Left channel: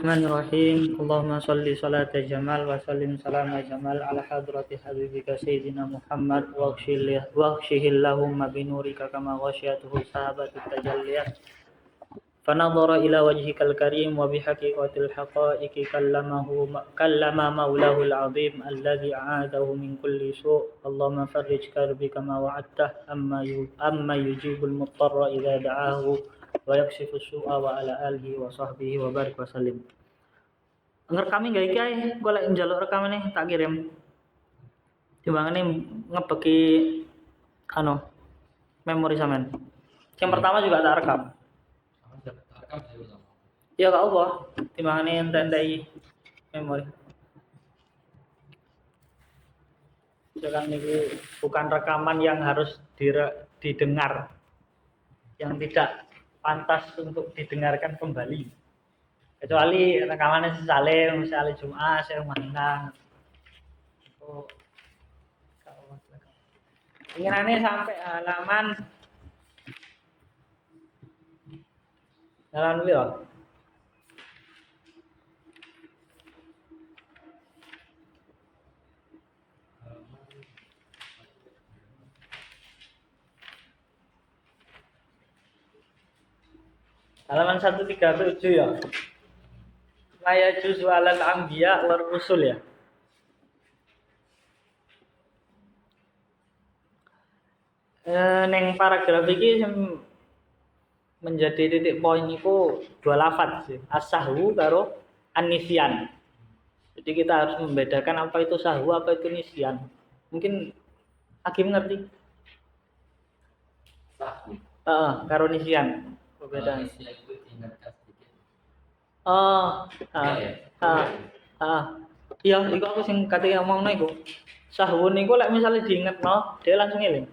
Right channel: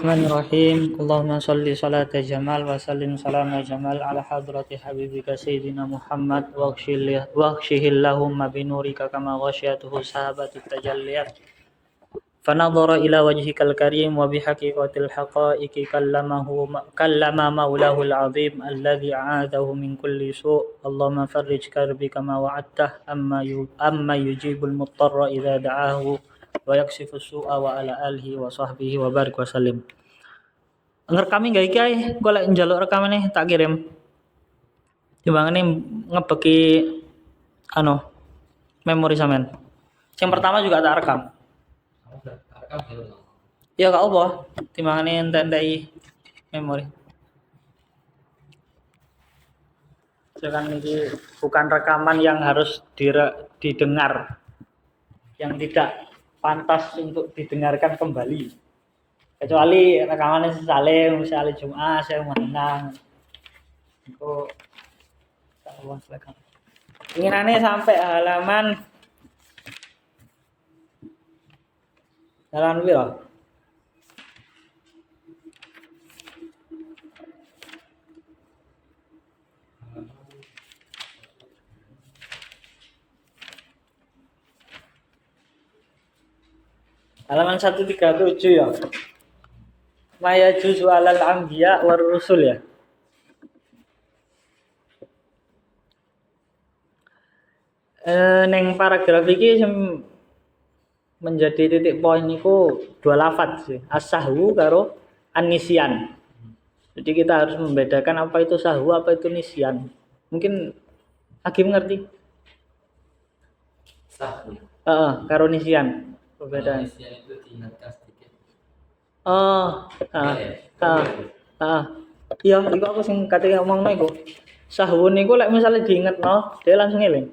Bismillahirrahmanirrahim. Allahumma sholli salata jamal wa sallim salama jamal ala hadrati habibika sayyidina Muhammad wa aghshihillahumma binurika kama ghasyatuhu sahabatit tajalliyat. Fanadhara ila wajhikal karim wa bihaqiqatil haqa'iqi kallama maulahu al-azim alladhi a'adahu min kulli su'. Allahumma farrij karbi kama wa'adtah amma yujibul muttarra idza da'ahu wa yaksifu su'a wa ala alihi wa sahbihi wa barik wa sallim. Ngerekame gak iki ae, golek njaluk rekamane tak kirim. Timbangane ngebeki memori sampean. Yang pertama juga tak rekam. Ya gak apa, timbangane entek-enteki memori. Jangan ini bukan rekaman yang harus didengar, yang tidak pantas untuk didengarkan kembali. Kecuali rekamannya misalnya Jumat saya menang itu kalau silakan. Inginannya sampai halaman berapa? Halaman 137 ya. Maya juzu alal anbiya war rusul ya. Neng paragraf iki menjadi titik poin niku dua lafaz sih. As-sahwu karo an-nisyan. Jadi kita harus membedakan apa itu sahwu, apa itu nisyan. Mungkin Hakim ngerti? Sahwu. Karo nisyan. Perbedaan. Nisyan itu diingatkan sedikit. Iya, iku aku sing kate ngomongno iku. Sahwu niku lek misale diingetno, dia langsung eling.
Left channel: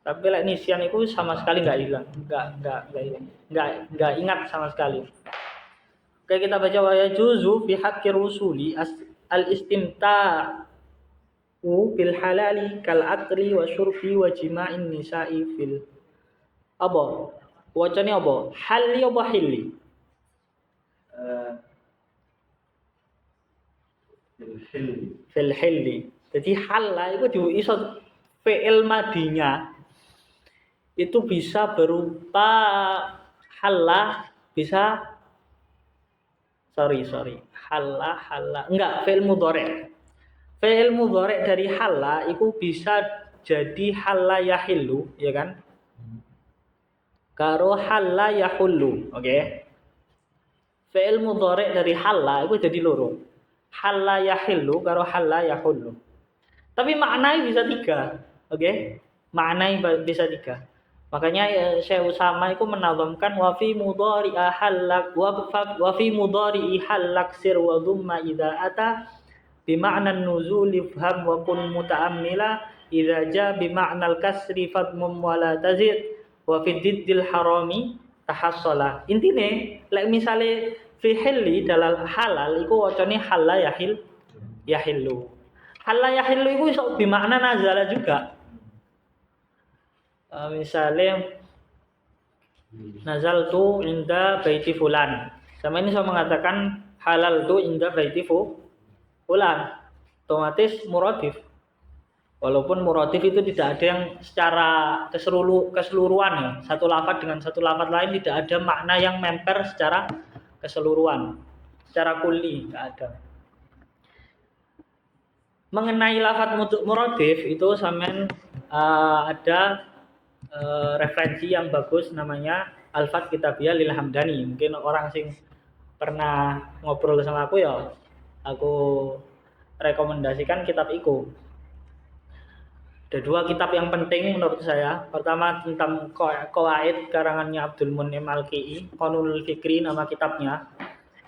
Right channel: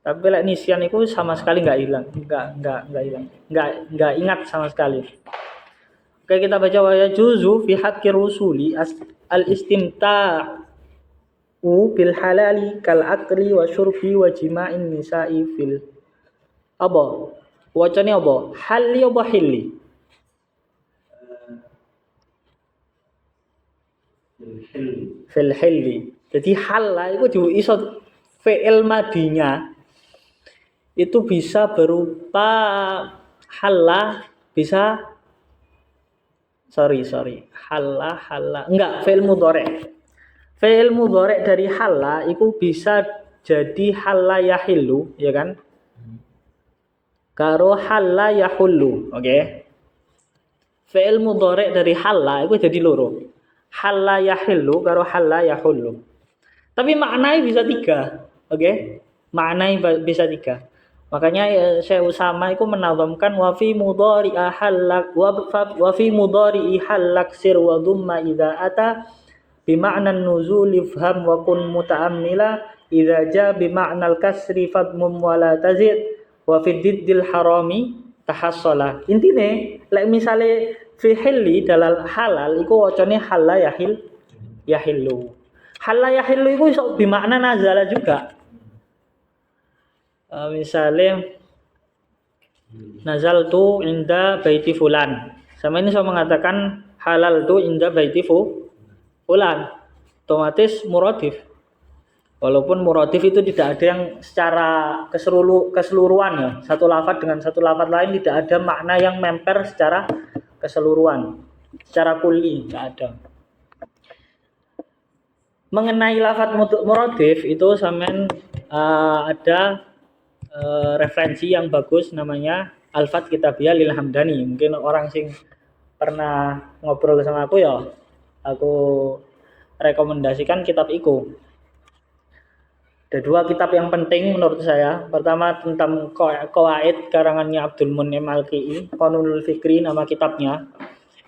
Tapi lek nisyan iku sama sekali enggak hilang, enggak hilang. Enggak ingat sama sekali. Oke, kita baca wa yajuzu fi haqqi rusuli al-istimta'u bil halali kal akli wa syurbi wa jima'in nisa'i fil apa? Wacane apa? Halli apa hilli? Fil hilli. Jadi halla itu iso fi'il madinya itu bisa berupa halla, bisa halla enggak fi'il mudhari'. Fi'il mudhari' dari halla itu bisa jadi halla yahillu, ya kan? Karo halla yahullu, oke? Fi'il mudhari' dari halla itu jadi loro. Halla yahillu karo halla yahullu. Tapi maknanya bisa tiga, oke? Maknanya bisa tiga. Makanya Syekh Usama itu menazamkan wa fi mudhari ahallak wa fi mudhari hallak sir wa dhamma idza ata bi ma'na nuzul ifham wa kun muta'ammila idza ja bi ma'nal kasri fadmum wa la tazid wa fi diddil harami tahassala. Intine lek misale fi hilli dalal halal iku wacane halla yahillu. Halla yahillu iku iso bi makna nazala juga. Misalnya nazaltu inda baiti fulan. Sama ini saya mengatakan halal tu inda baiti fulan. Otomatis muradif. Walaupun muradif itu tidak ada yang secara keseluruhan ya. Satu lafaz dengan satu lafaz lain tidak ada makna yang memper secara keseluruhan. Secara kulli tidak ada. Mengenai lafaz muradif itu sampean ada referensi yang bagus namanya Al-Fat Kitabiyah Lil Hamdani. Mungkin orang sing pernah ngobrol sama aku ya, aku rekomendasikan kitab iku. Ada dua kitab yang penting menurut saya. Pertama tentang Qawaid karangannya Abdul Munim Al-Qi'i, Qanunul Fikri nama kitabnya.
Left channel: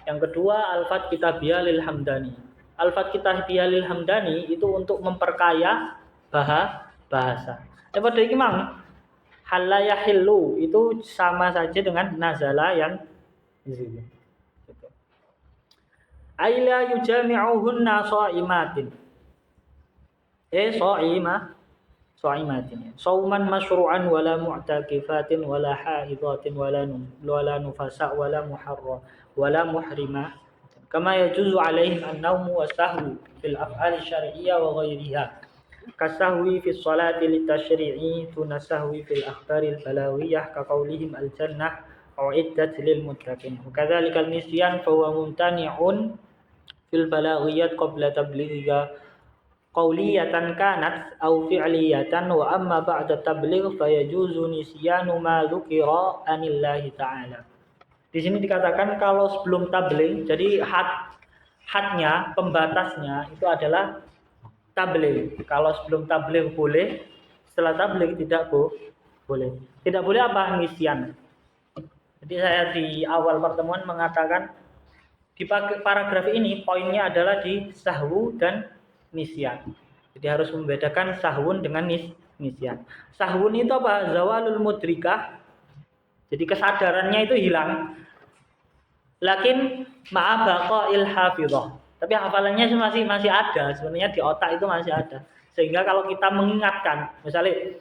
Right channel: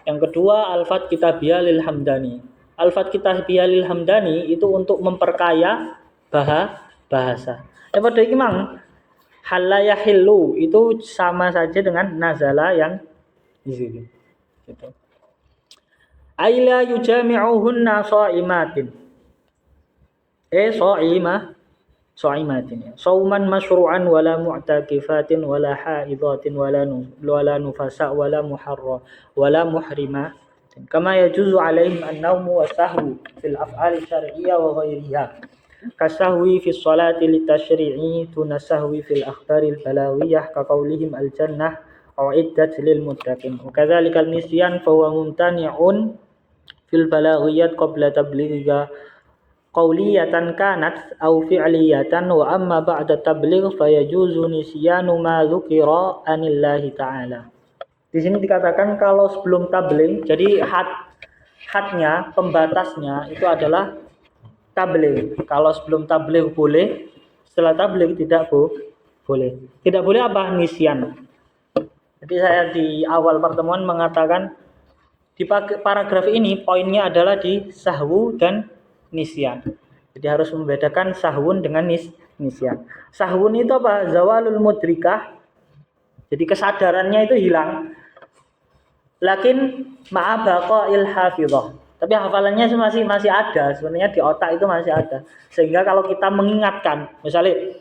Yang kedua Al-Fat Kitabiyah Lil Hamdani. Al-Fat Kitabiyah Lil Hamdani itu untuk memperkaya bahasa. Pada iki mang halla yahillu itu sama saja dengan nazala yang di sini. Gitu. Aila yujami'uhunna sha'imatin. Sha'imah Shaimatin. Sauman masyru'an wala mu'takifatin wala haidatin wala nufasa wala muharra wala muhrima. Kama yajuzu alaihim an-naumu wa sahwu fil af'ali syar'iyyah wa ghairiha. Kasahwi fi sholati litashri'i tunasahwi fil akhbaril balawiyah ka qaulihim al-jannah uiddat lil muttaqin. Wa kadzalika al-nisyan fa huwa mumtani'un fil balaghiyat qabla tabligha qauliyatan kanat au fi'liyatan wa amma ba'da tabligh fayajuzu nisyanu ma dzukira anillahi ta'ala. Di sini dikatakan kalau sebelum tabligh, jadi hadnya, pembatasnya itu adalah tabligh. Kalau sebelum tabligh boleh, setelah tabligh tidak boleh. Tidak boleh apa? Nisyan. Jadi saya di awal pertemuan mengatakan di paragraf ini poinnya adalah di sahwu dan nisyan. Jadi harus membedakan sahwun dengan nisyan. Sahwun itu apa? Zawalul mudrikah. Jadi kesadarannya itu hilang. Lakin ma'a baqa'il hafizah. Tapi hafalannya masih ada, sebenarnya di otak itu masih ada. Sehingga kalau kita mengingatkan, misalnya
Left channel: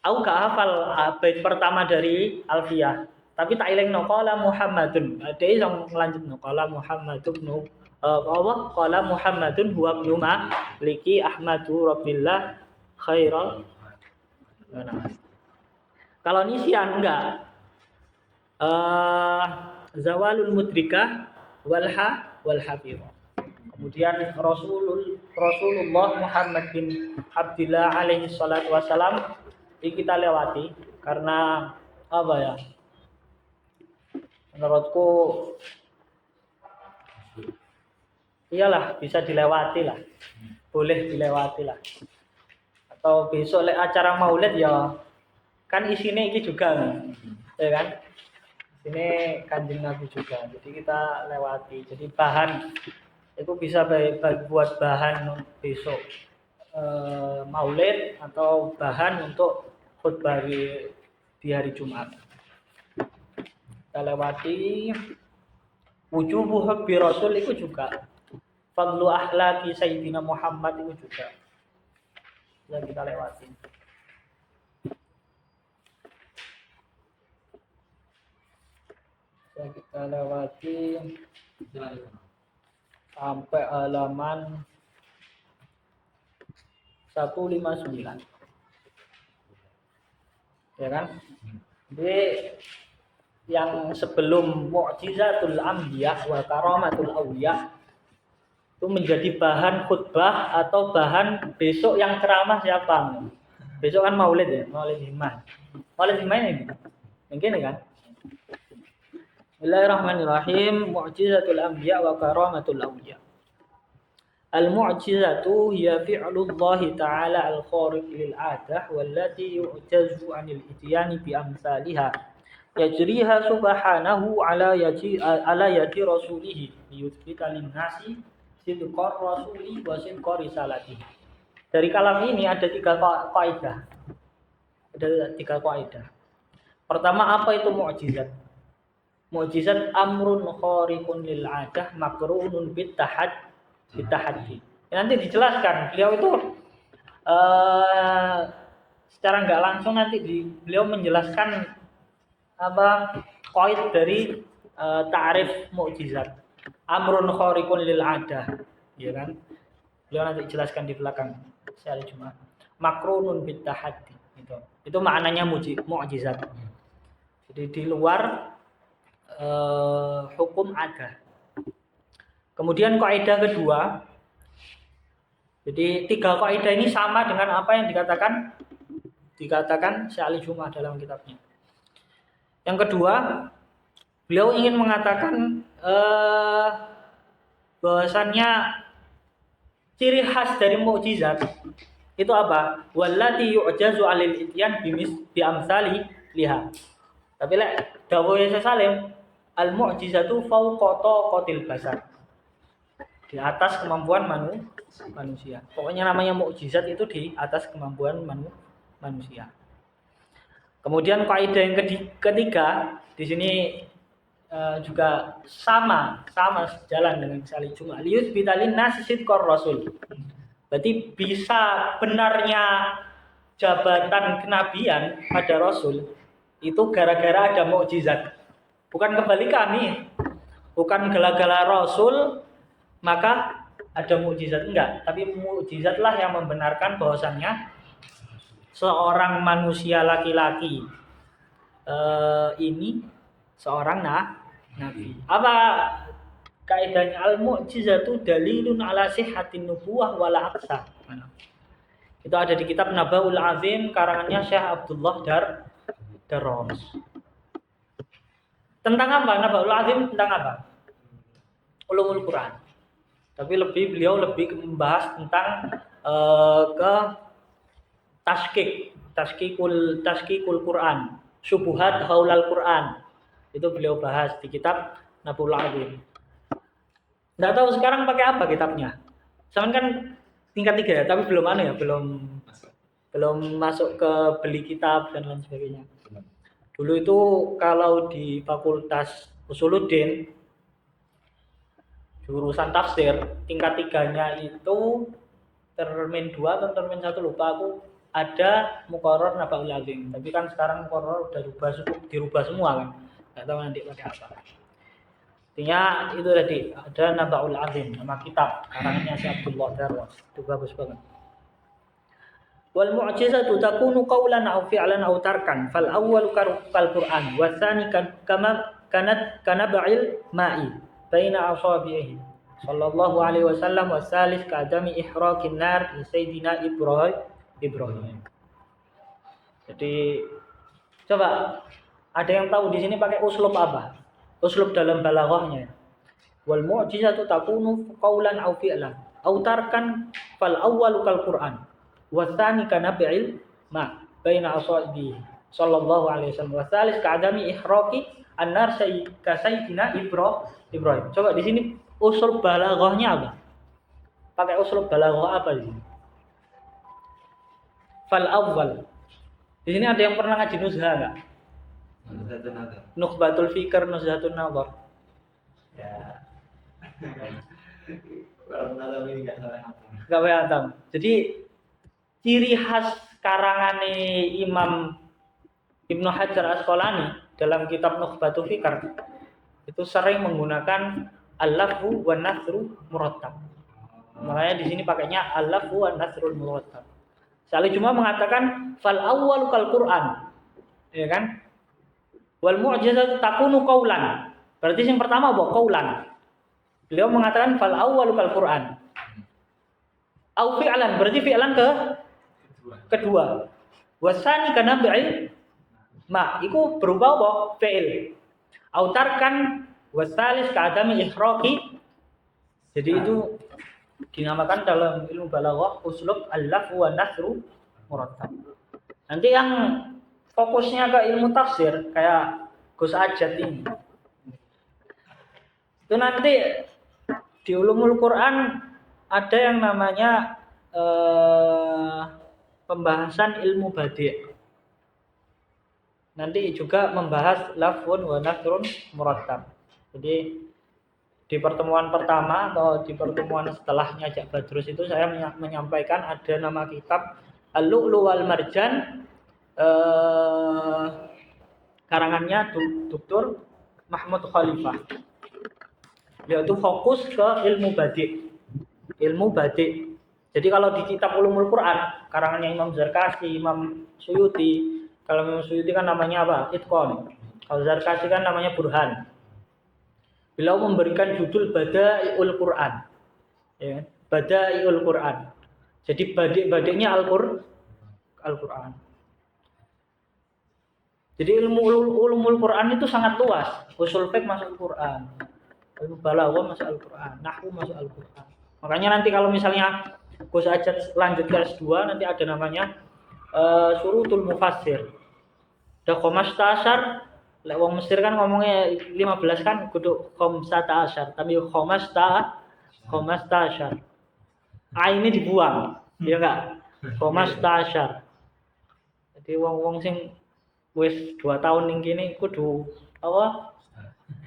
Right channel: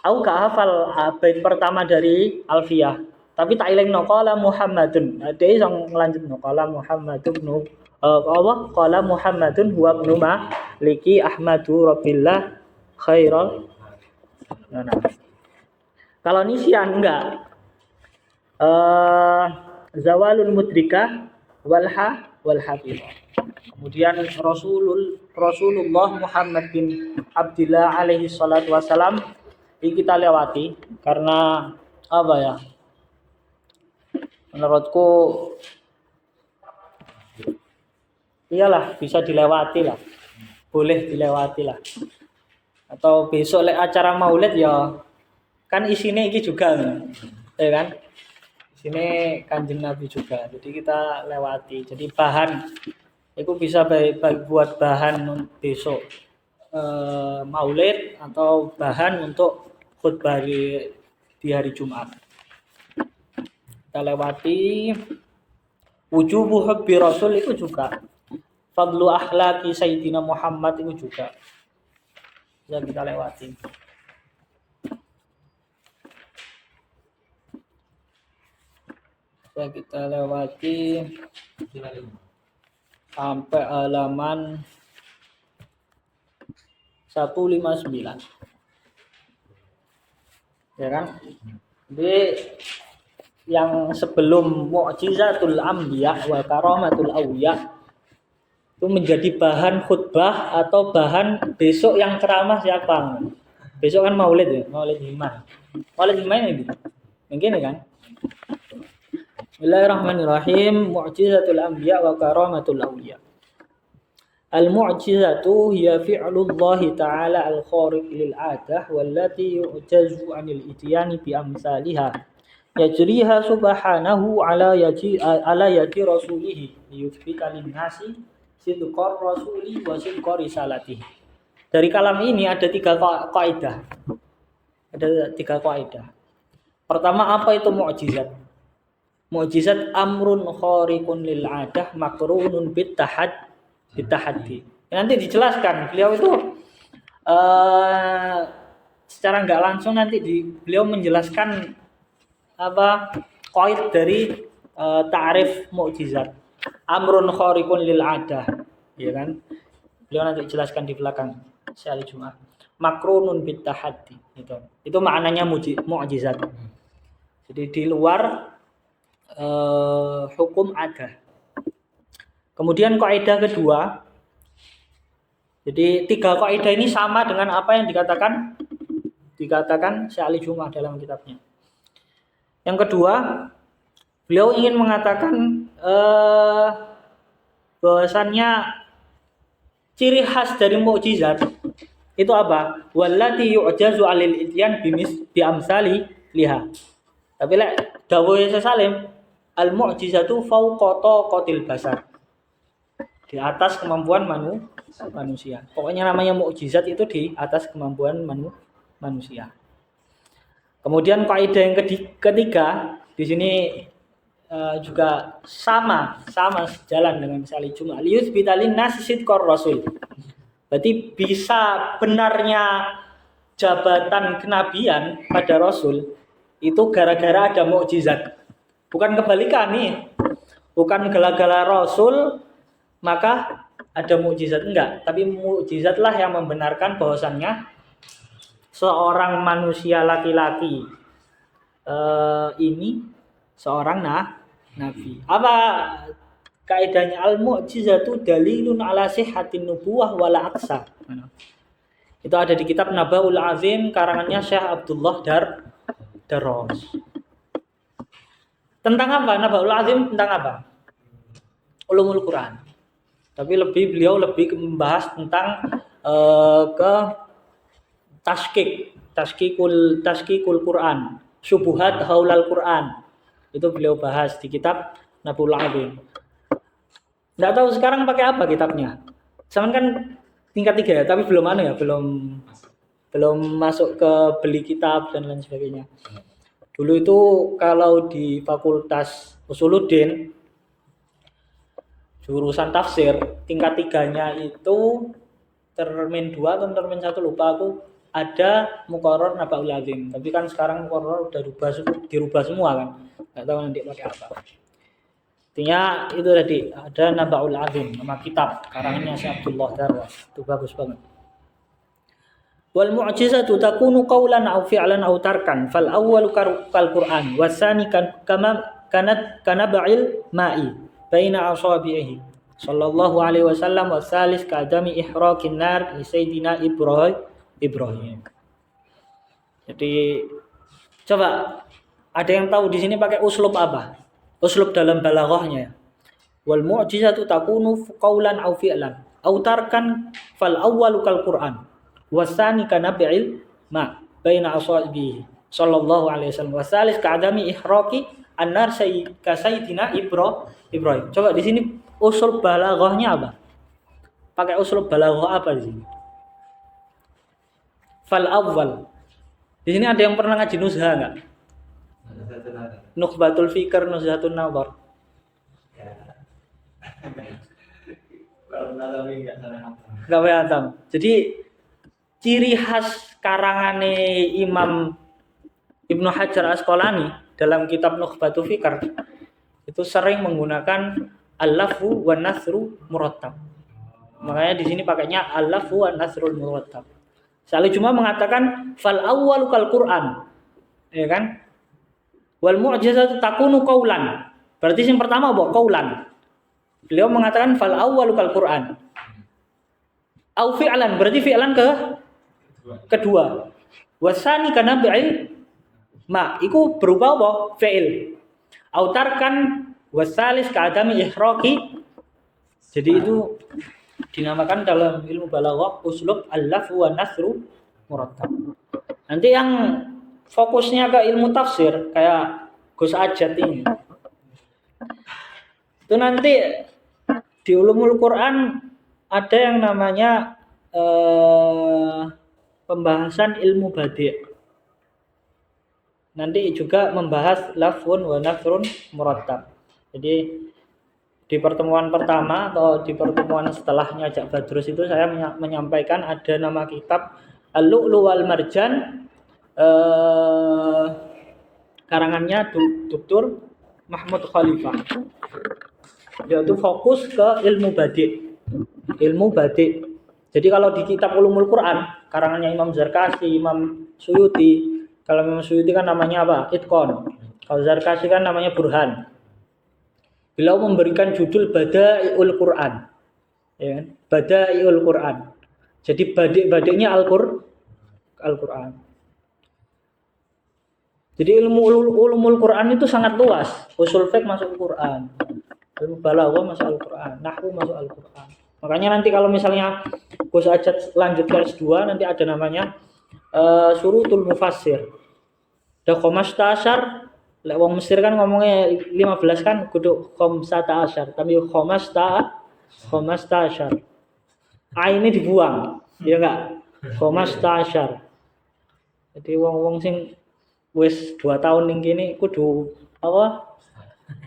aku gak hafal bait pertama dari Alfiyah, tapi tak ilengno qala Muhammadun. Dia yang ngelanjutno qala Muhammadun qala Muhammadun huwa ibnu Maliki Ahmadu Rabbillah khairal. Nah. Kalau nisyan enggak. Zawalul mudrikah wal hafizah. Kemudian Rasulullah Muhammad bin Abdullah alaihi salatu wasalam ini kita lewati karena apa ya? Menurutku iyalah bisa dilewati lah. Boleh dilewati lah. Atau besok acara Maulid ya kan isinya ini juga nih. Ya kan? Sini Kanjeng Nabi juga, jadi kita lewati. Jadi bahan itu bisa buat bahan besok Maulid atau bahan untuk khutbah di hari Jumat. Kita lewati wujubu hubbi Rasul itu juga, fadlu akhlaqi Sayyidina Muhammad itu juga bisa kita lewati. Kita lewati sampai halaman 159 ya kan. Jadi yang sebelum mu'jizatul anbiya wa karamatul awliya itu menjadi bahan khutbah atau bahan besok yang ceramah siapa? Besok kan Maulid ya, Maulid Himah. Maulid Himah ini mungkin kan. Bismillahirrahmanirrahim. Mu'jizatul anbiya wa karamatul awliya. Al-mu'jizatu hiya fi'lullahi ta'ala al-khariq lil 'adah wallati yu'jazu 'anil ityani bi amsalha. Yajriha subhanahu ala yadi rasulih liyuthbita lin-nasi sidqar rasuli wa sidqar risalatihi. Dari kalam ini ada tiga kaidah. Ada tiga kaidah. Pertama, apa itu mu'jizat? Mu'jizat amrun khariqun lil 'adah makrunun bitahaddi. Nanti dijelaskan. Beliau itu secara enggak langsung nanti beliau menjelaskan apa qaid dari ta'rif mu'jizat. Amrun khariqun lil 'adah, ya kan? Beliau nanti jelaskan di belakang hari Jumat. Makrunun bitahaddi gitu. Itu maknanya mu'jizat. Jadi di luar hukum ada. Kemudian kaidah kedua, jadi tiga kaidah ini sama dengan apa yang dikatakan Syekh Ali Jum'ah dalam kitabnya. Yang kedua, beliau ingin mengatakan bahwasannya ciri khas dari mukjizat itu apa? Wallati yu'jazu 'alil ityan bi amsali liha. Tapi lek dawuh Syekh Salim, al-mu'jizatu fawqa taqatil basar. Di atas kemampuan manusia. Pokoknya namanya mukjizat itu di atas kemampuan manusia. Kemudian kaidah yang ketiga di sini juga sama sejalan dengan Syekh Jum'ah. Liyus bitalin nasi sidqor rasul. Berarti bisa benarnya jabatan kenabian pada Rasul itu gara-gara ada mukjizat. Bukan kebalikan nih. Bukan gara-gara Rasul maka ada mukjizat, enggak, tapi mukjizatlah yang membenarkan bahwasannya seorang manusia laki-laki ini seorang nabi. Apa kaidahnya? Al-mu'jizatu dalilun ala sihhatin nubuwah wala aksa. Itu ada di kitab Nabaul Azim karangannya Syekh Abdullah Daros. Tentang apa Nabaul Azim? Tentang apa? Ulumul Quran. Tapi beliau lebih membahas tentang ke taskikul Quran, syubuhat haulal Quran. Itu beliau bahas di kitab Nabaul Azim. Enggak tahu sekarang pakai apa kitabnya. Sama kan tingkat 3 ya, tapi belum belum masuk ke beli kitab dan lain sebagainya. Dulu itu kalau di Fakultas Usuluddin jurusan tafsir tingkat 3-nya itu termin 2 atau termin 1 lupa aku, ada muqarrar Nabaul Azim. Tapi kan sekarang muqarrar udah dirubah semua kan. Enggak tahu nanti pakai apa. Intinya itu tadi ada Nabaul Azim, nama kitab karangannya Syekh Abdullah Daros. Itu bagus banget. Wal mu'jizatu takunu qawlan aw fi'lan aw tarkan fal awwalu kal Qur'an wasani kana ba'il ma'i baina asabihi sallallahu alaihi wasallam wasalis ka'adami ihraqin nar li sayyidina Ibrahim. Jadi coba ada yang tahu di sini pakai uslub apa? Uslub dalam balaghahnya. Wal mu'jizatu takunu qawlan aw fi'lan aw tarkan fal awwalu kal Qur'an wasani kana ba'il ma baina asabihi sallallahu alaihi wasallam wasalis ka'adami ihraqi an-nar sayyidina Ibrahim. Coba di sini usul balaghahnya apa? Pakai usul balaghah apa di sini? Fal awwal. Di sini ada yang pernah ngaji nuzha enggak? Nukhbatul fikr, nuzhatun nazar. Ya. Enggak paham. Jadi ciri khas karangane Imam Ibnu Hajar Asqalani dalam kitab Nukhbatul Fikr itu sering menggunakan al-lafzu wan nasru murattab. Makanya di sini pakainya al-lafzu wan nasrul murattab. Selalu cuma mengatakan fal awwalu kal Qur'an. Ya kan? Wal mu'jizatu takunu qaulan. Berarti yang pertama apa? Qaulan. Beliau mengatakan fal awwalu kal Qur'an. Au fi'lan, berarti fi'lan kedua. Wasani kana bi'il ma, iku berupa apa? Fi'il. Autarkan wasalis ka'adami ihraqi. Jadi itu dinamakan dalam ilmu balaghah uslub al-lafz wa nasru murattab. Nanti yang fokusnya ke ilmu tafsir kayak Gus Ajat ini. Itu nanti di ulumul Quran ada yang namanya pembahasan ilmu badi'. Nanti juga membahas lafzun wa nasrun murattab. Jadi di pertemuan pertama atau di pertemuan setelahnya Jak Badrus itu saya menyampaikan ada nama kitab Al-Lu'lu' wal Marjan, karangannya Dr. Mahmud Khalifah. Yaitu fokus ke ilmu badi'. Jadi kalau di kitab Ulumul Quran karangannya Imam Zarkashi, Imam Suyuti, kalau Imam Suyuti kan namanya apa? Itqan. Kalau Zarkashi kan namanya Burhan. Beliau memberikan judul Bada'iul Quran. Ya kan? Bada'iul Quran. Jadi badik-badiknya Al-Quran. Jadi ilmu ulumul Quran itu sangat luas. Usul fiqh masuk Al-Quran. Ilmu balaghah masuk Al-Quran. Nahwu masuk Al-Quran. Makanya nanti kalau misalnya Gus Ajat lanjut ke S2 nanti ada namanya Surutul Mufassir. Ada Khomas Ta'asyar. Lek wong Mesir kan ngomongnya 15 kan kudu khamsata asyar, tapi khamas ta'asyar. A ini dibuang, ya enggak? Khamas ta'asyar. Jadi wong-wong sing wis 2 tahun ning kene kudu apa?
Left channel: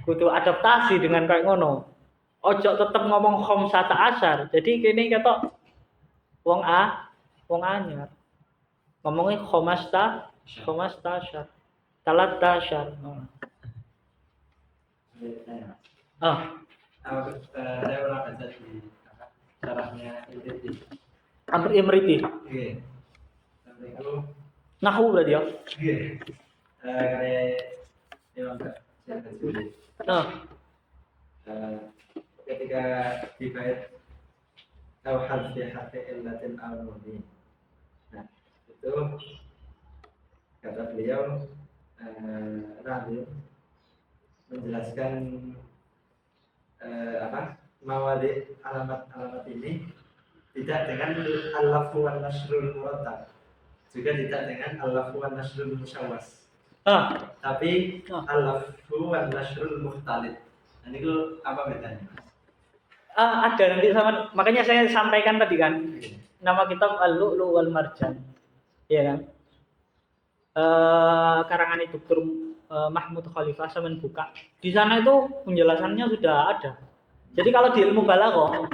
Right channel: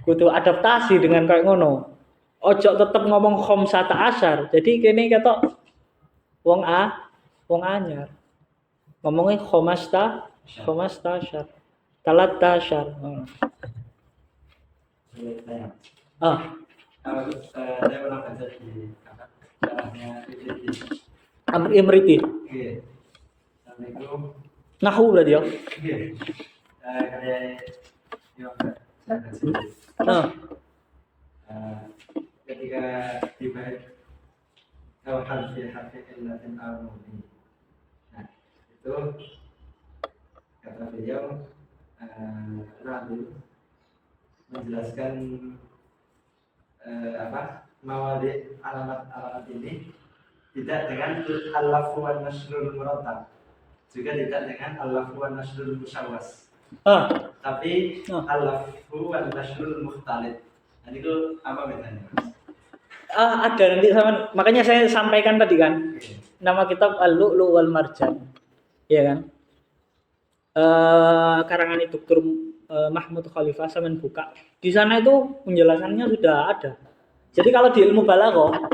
Kudu adaptasi dengan kayak ngono. Ojo tetep ngomong khamsata asyar. Jadi kene ketok wong anyar. Ngomongnya khomasta syar. Talata syar. Ah, Saya pernah baca di syarahnya Amr Imriti. Oke. Assalamualaikum. Nahu berarti ya. Oke. Karya Imam Ghazali. Ah, Ketika di bait au harfi illatin aw nuni. Nah, itu kata beliau Nabi menjelaskan mawadi alamat ini tidak dengan al-lafzu wan nasrul murattab, juga tidak dengan al-lafzu wan nasrul musawwas, tapi al-lafzu wan nasrul mukhtalid. Nah, itu apa bedanya? Ada nanti sama, makanya saya sampaikan tadi kan. Nama kitab Al-Lu'lu' wal Marjan. Iya kan? Karangan Dr. Mahmud Khalifah saya buka. Di sana itu penjelasannya sudah ada. Jadi kalau di ilmu balaghah,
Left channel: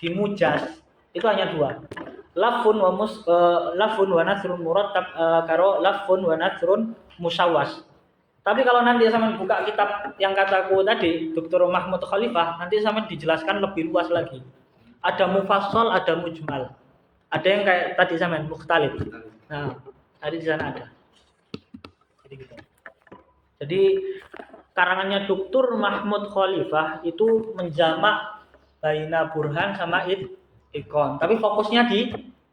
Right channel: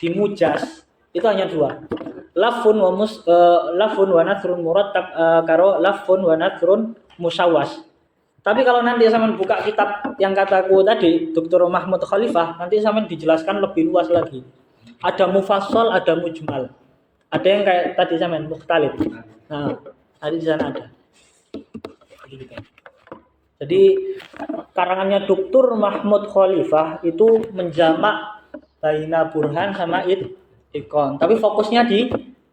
di mujaz itu hanya dua. Lafun wa nasrun murattab karo lafun wa nasrun musawwas. Tapi kalau nanti sama buka kitab yang kataku tadi, Dr. Mahmud Khalifah, nanti sama dijelaskan lebih luas lagi. Ada mufassal, ada mujmal. Ada yang kayak tadi sama mukhtalif. Nah, tadi di sana ada. Jadi karangannya Dr. Mahmud Khalifah itu menjamak baina burhan sama ikon. Tapi fokusnya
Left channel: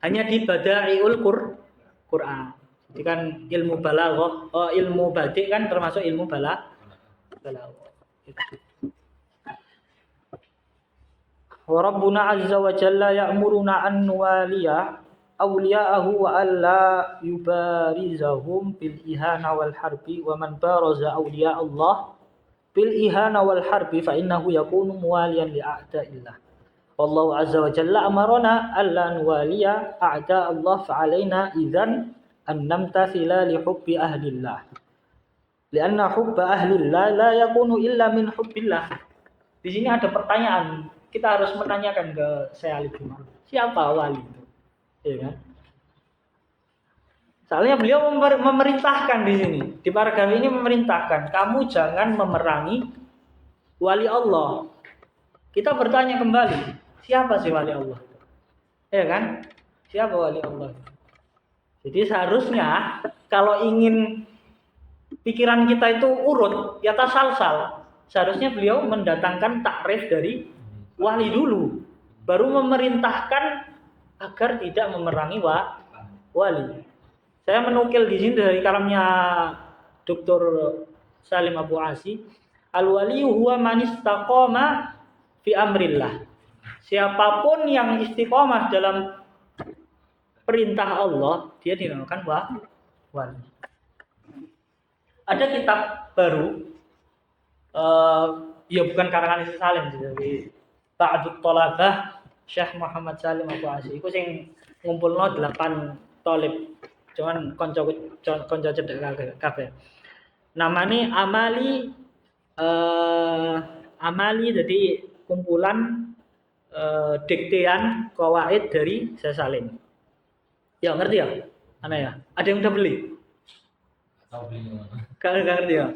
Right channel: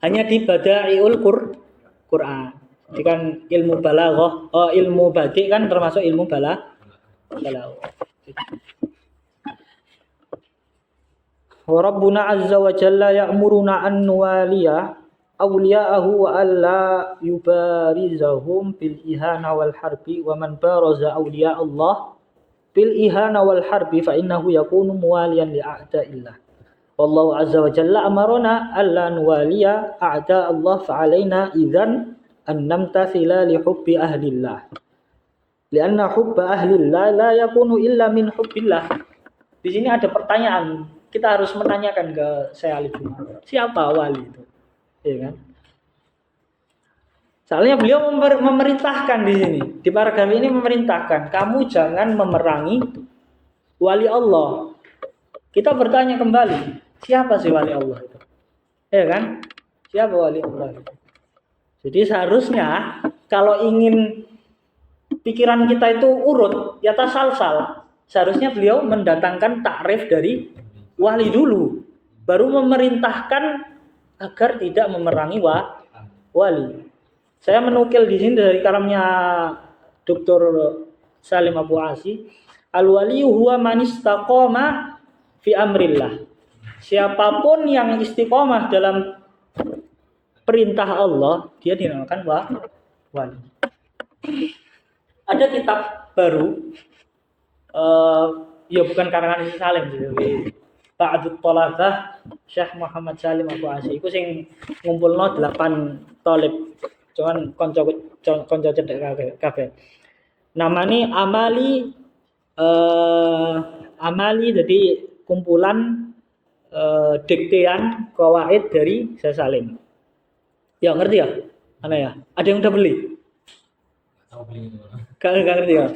hanya di Bada'iul Quran. Jadi kan ilmu balaghah, ilmu badi kan termasuk ilmu balaghah. Wa Rabbuna azza wa jalla ya'muruna an nuwaliya awliya'ahu wa alla yubarizahum bil ihana wal harbi wa man baraza awliya Allah bil ihana wal harbi fa innahu yakunu muwaliyan li a'da'illah. Wallahu azza wa jalla amarona alla nuwaliya a'da Allah fa alaina idzan an namtathila li hubbi ahlillah. Lianna hubba ahlillah la yakunu illa min hubbillah. Di sini ada pertanyaan. Kita harus menanyakan ke Syekh Ali Jumar, siapa wali itu? Ya kan? Soalnya beliau memerintahkan di sini, di paragraf ini memerintahkan, kamu jangan memerangi wali Allah. Kita bertanya kembali, siapa sih wali Allah itu? Ya kan? Siapa wali Allah itu? Jadi seharusnya kalau ingin pikiran kita itu urut, ya tasalsal. Seharusnya beliau mendatangkan takrif dari wali dulu, baru memerintahkan agar tidak memerangi wali. Saya menukil di sini dari kalamnya Dr. Salim Abu Asi, al-wali huwa man istaqama fi amrillah. Siapapun yang istiqomah dalam perintah Allah, dia dinamakan wali. Ada kitab baru, ya bukan karangan Salim, jadi Ba'dut Thalabah Syekh Muhammad Salim Abu Asi. Iku sing ngumpulno 8 thalib. Cuman kanca cedhek kabeh. Namane Amali jadi kumpulan diktean qawaid dari Syekh Salim. Ya ngerti ya? Ana ya? Ada yang udah beli? Tahu beli mana? Gak ngerti ya?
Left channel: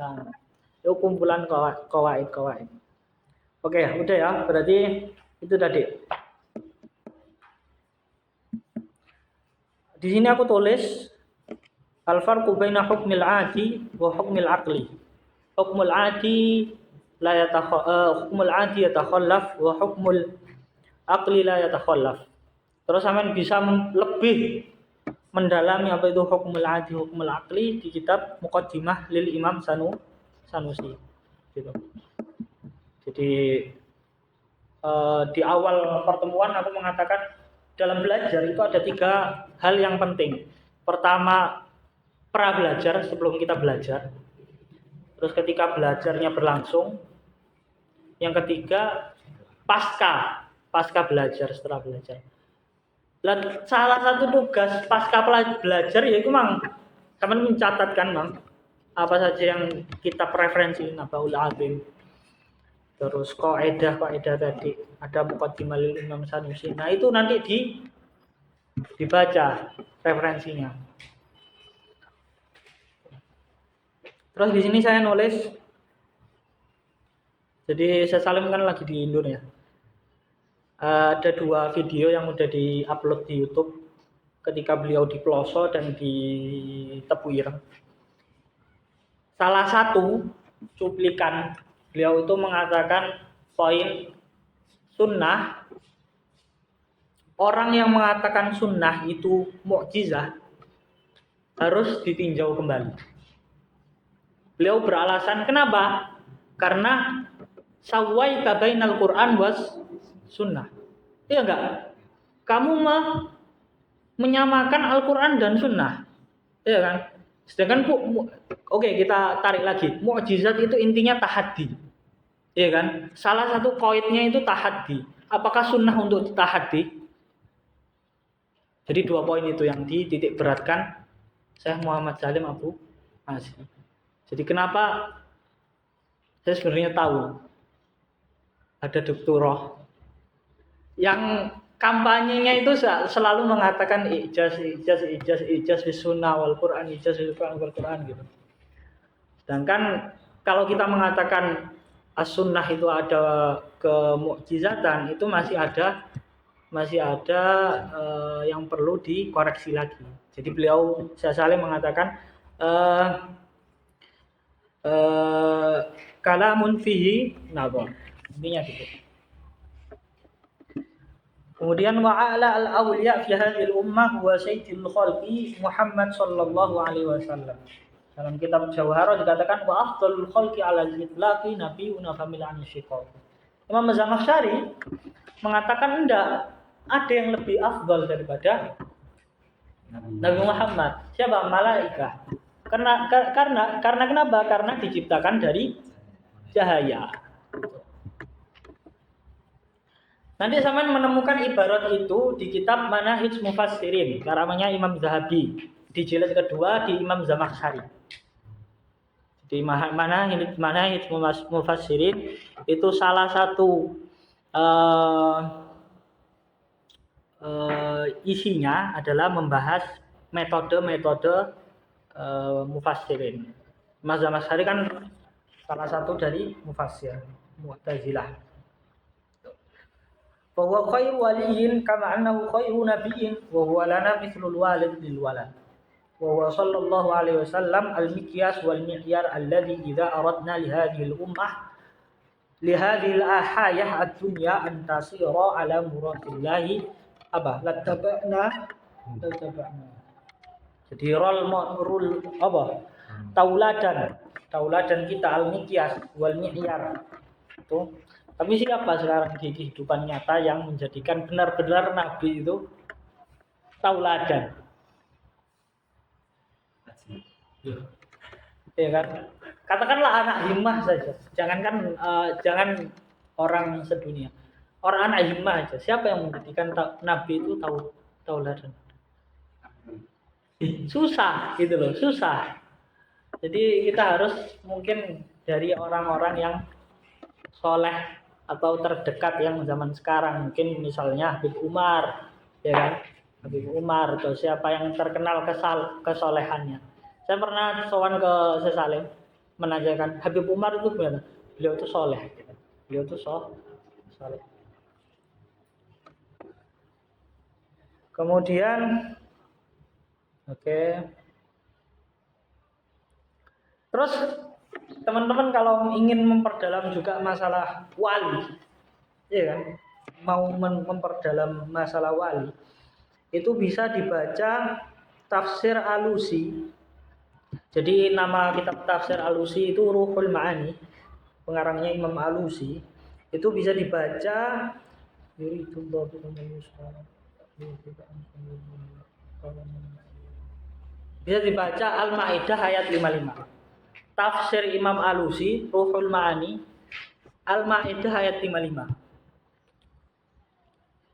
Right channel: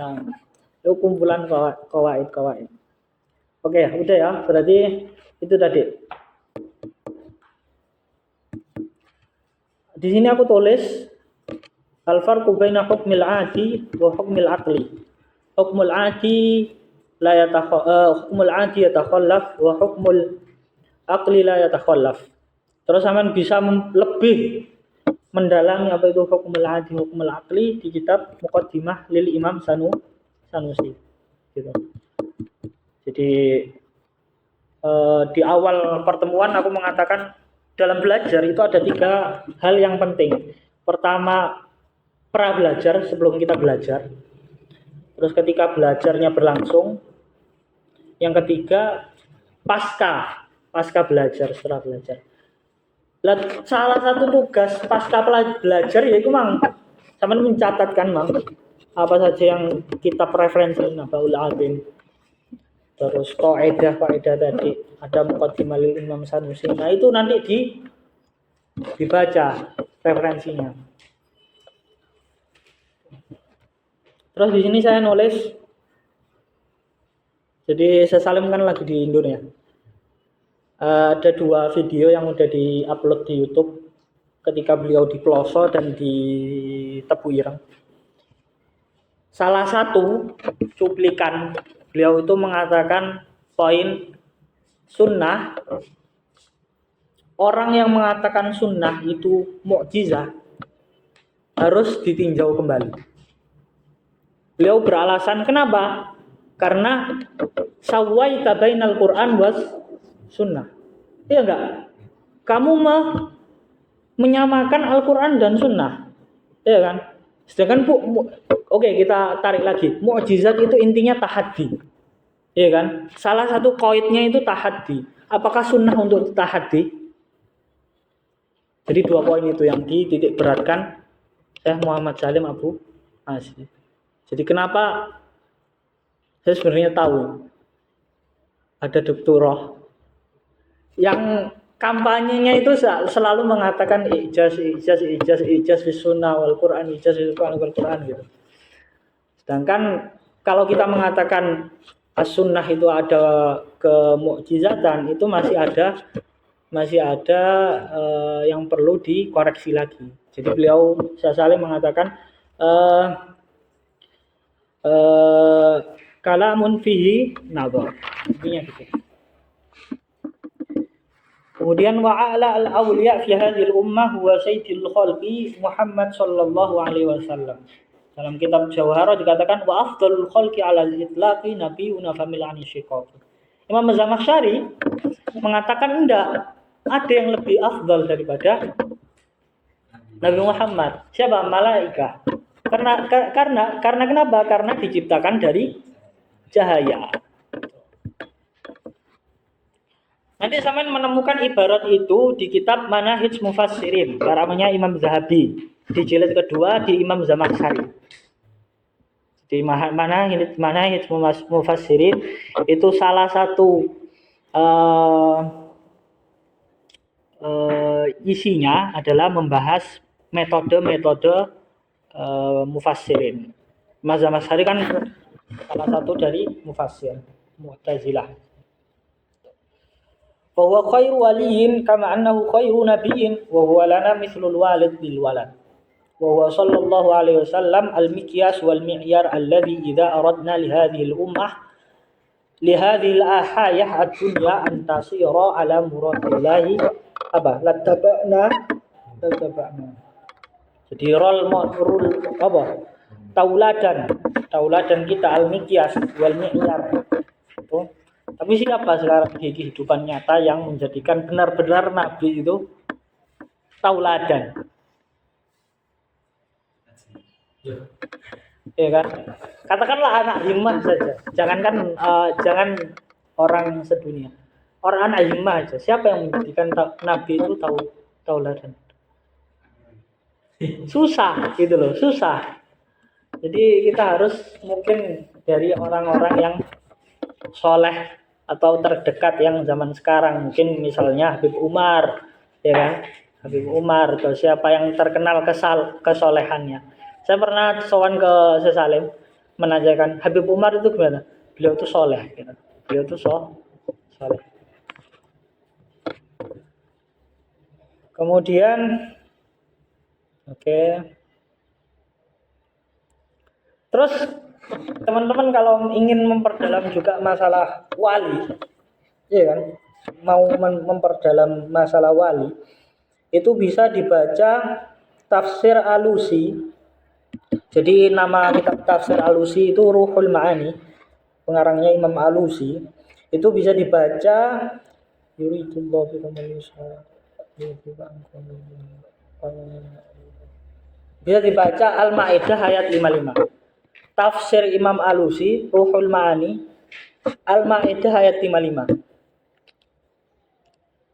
Nah, itu kumpulan qawaid. Oke, udah ya. Berarti itu tadi. Di sini aku tulis al-farqu baina hukmil 'adi wa hukmil 'aqli. Hukmul 'adi yatakhallaf wa hukmul 'aqli la yatakhallaf. Terus sampean bisa lebih mendalami apa itu hukmul 'adi, hukmul 'aqli di kitab Muqaddimah lil Imam Sanusi. Gitu. Jadi di awal pertemuan aku mengatakan dalam belajar itu ada 3 hal yang penting. Pertama, pra belajar sebelum kita belajar. Terus ketika belajarnya berlangsung. Yang ketiga, pasca belajar, setelah belajar. Salah satu tugas pasca belajar yaitu mang sampean mencatatkan mang apa saja yang kita preferensi Nabaul Azim. Terus kaidah tadi ada Muqaddimah lil Imam Sanusi. Nah, itu nanti dibaca referensinya. Terus di sini saya nulis, jadi saya Salim kan lagi di Indonesia. Ada 2 video yang udah di-upload di YouTube ketika beliau di Ploso dan di Tebu Ireng. Salah satu cuplikan beliau itu mengatakan poin sunnah, orang yang mengatakan sunnah itu mukjizah harus ditinjau kembali. Beliau beralasan kenapa? Karena sawaita bainal Qur'an was sunnah. Iya enggak? Kamu menyamakan Al-Qur'an dan sunnah. Iya kan? Sedangkan oke, kita tarik lagi. Mukjizat itu intinya tahaddi. Iya kan? Salah satu qaidnya itu tahaddi. Apakah sunnah untuk tahaddi? Jadi 2 poin itu yang dititik beratkan Syekh Muhammad Salim Abu Asy. Jadi kenapa saya sebenarnya tahu ada doktorah yang kampanyenya itu selalu mengatakan ijaz fi sunnah wal Quran, ijaz fi Quran wal Quran gitu. Sedangkan kalau kita mengatakan as-sunnah itu ada kemukjizatan, itu masih ada yang perlu dikoreksi lagi. Jadi beliau Syekh Salim mengatakan kalamun fihi nadhar. Intinya gitu. Kemudian wa'ala al-awliya fi hadhil ummah huwa sayyidul khalqi Muhammad sallallahu alaihi wasallam. Dalam kitab Jawharah dikatakan wa afdalul khalqi 'ala al-itlaqi nabiyuna famil anisyiqaq. Imam Zamakhsyari mengatakan enggak, ada yang lebih afdal daripada Nabi Muhammad. Siapa? Malaikah. Karena kenapa? Karena diciptakan dari cahaya. Nanti sampean menemukan ibarat itu di kitab Manahij Mufassirin, karangannya Imam Zahabi, di jilid kedua di Imam Zamakhsyari. Di Manahij Mufassirin itu salah satu isinya adalah membahas metode-metode mufassirin. Imam Zamakhsyari kan salah satu dari mufassir Mu'tazilah. Bahwa khairu waliyin kama annahu khairu nabiyyin wa huwa lana mithlul walid bil walad. Wa huwa sallallahu alaihi wasallam al-miqyas wal mi'yar alladhi idza aradna li hadhihi al-ummah li hadhihi al-ahayah ad-dunya an tasira ala muradillahi lattaba'na. Jadi tauladan kita al-miqyas wal mi'yar itu. Tapi siapa sekarang di kehidupan nyata yang menjadikan benar-benar Nabi itu tauladan? Ya kan? Katakanlah anak himmah saja. Jangan orang sedunia. Orang anak himmah aja. Siapa yang menjadikan Nabi itu tauladan? Susah gitu loh, susah. Jadi kita harus mungkin dari orang-orang yang soleh atau terdekat yang zaman sekarang, mungkin misalnya Habib Umar, ya kan? Habib Umar atau siapa yang terkenal kesolehannya. Saya pernah sowan ke Syekh Salim menanyakan Habib Umar itu gimana? Beliau itu soleh, gitu. Beliau itu soleh. Kemudian, oke. Terus teman-teman kalau ingin memperdalam juga masalah wali, ya kan? Mau memperdalam masalah wali, itu bisa dibaca Tafsir Alusi. Jadi nama kitab Tafsir Alusi itu Ruhul Ma'ani, pengarangnya Imam Alusi. Itu bisa dibaca yuridullahu bikum al-yusra. Bisa dibaca Al-Maidah ayat 55. Tafsir Imam Alusi, Ruhul Ma'ani, Al-Maidah ayat 55.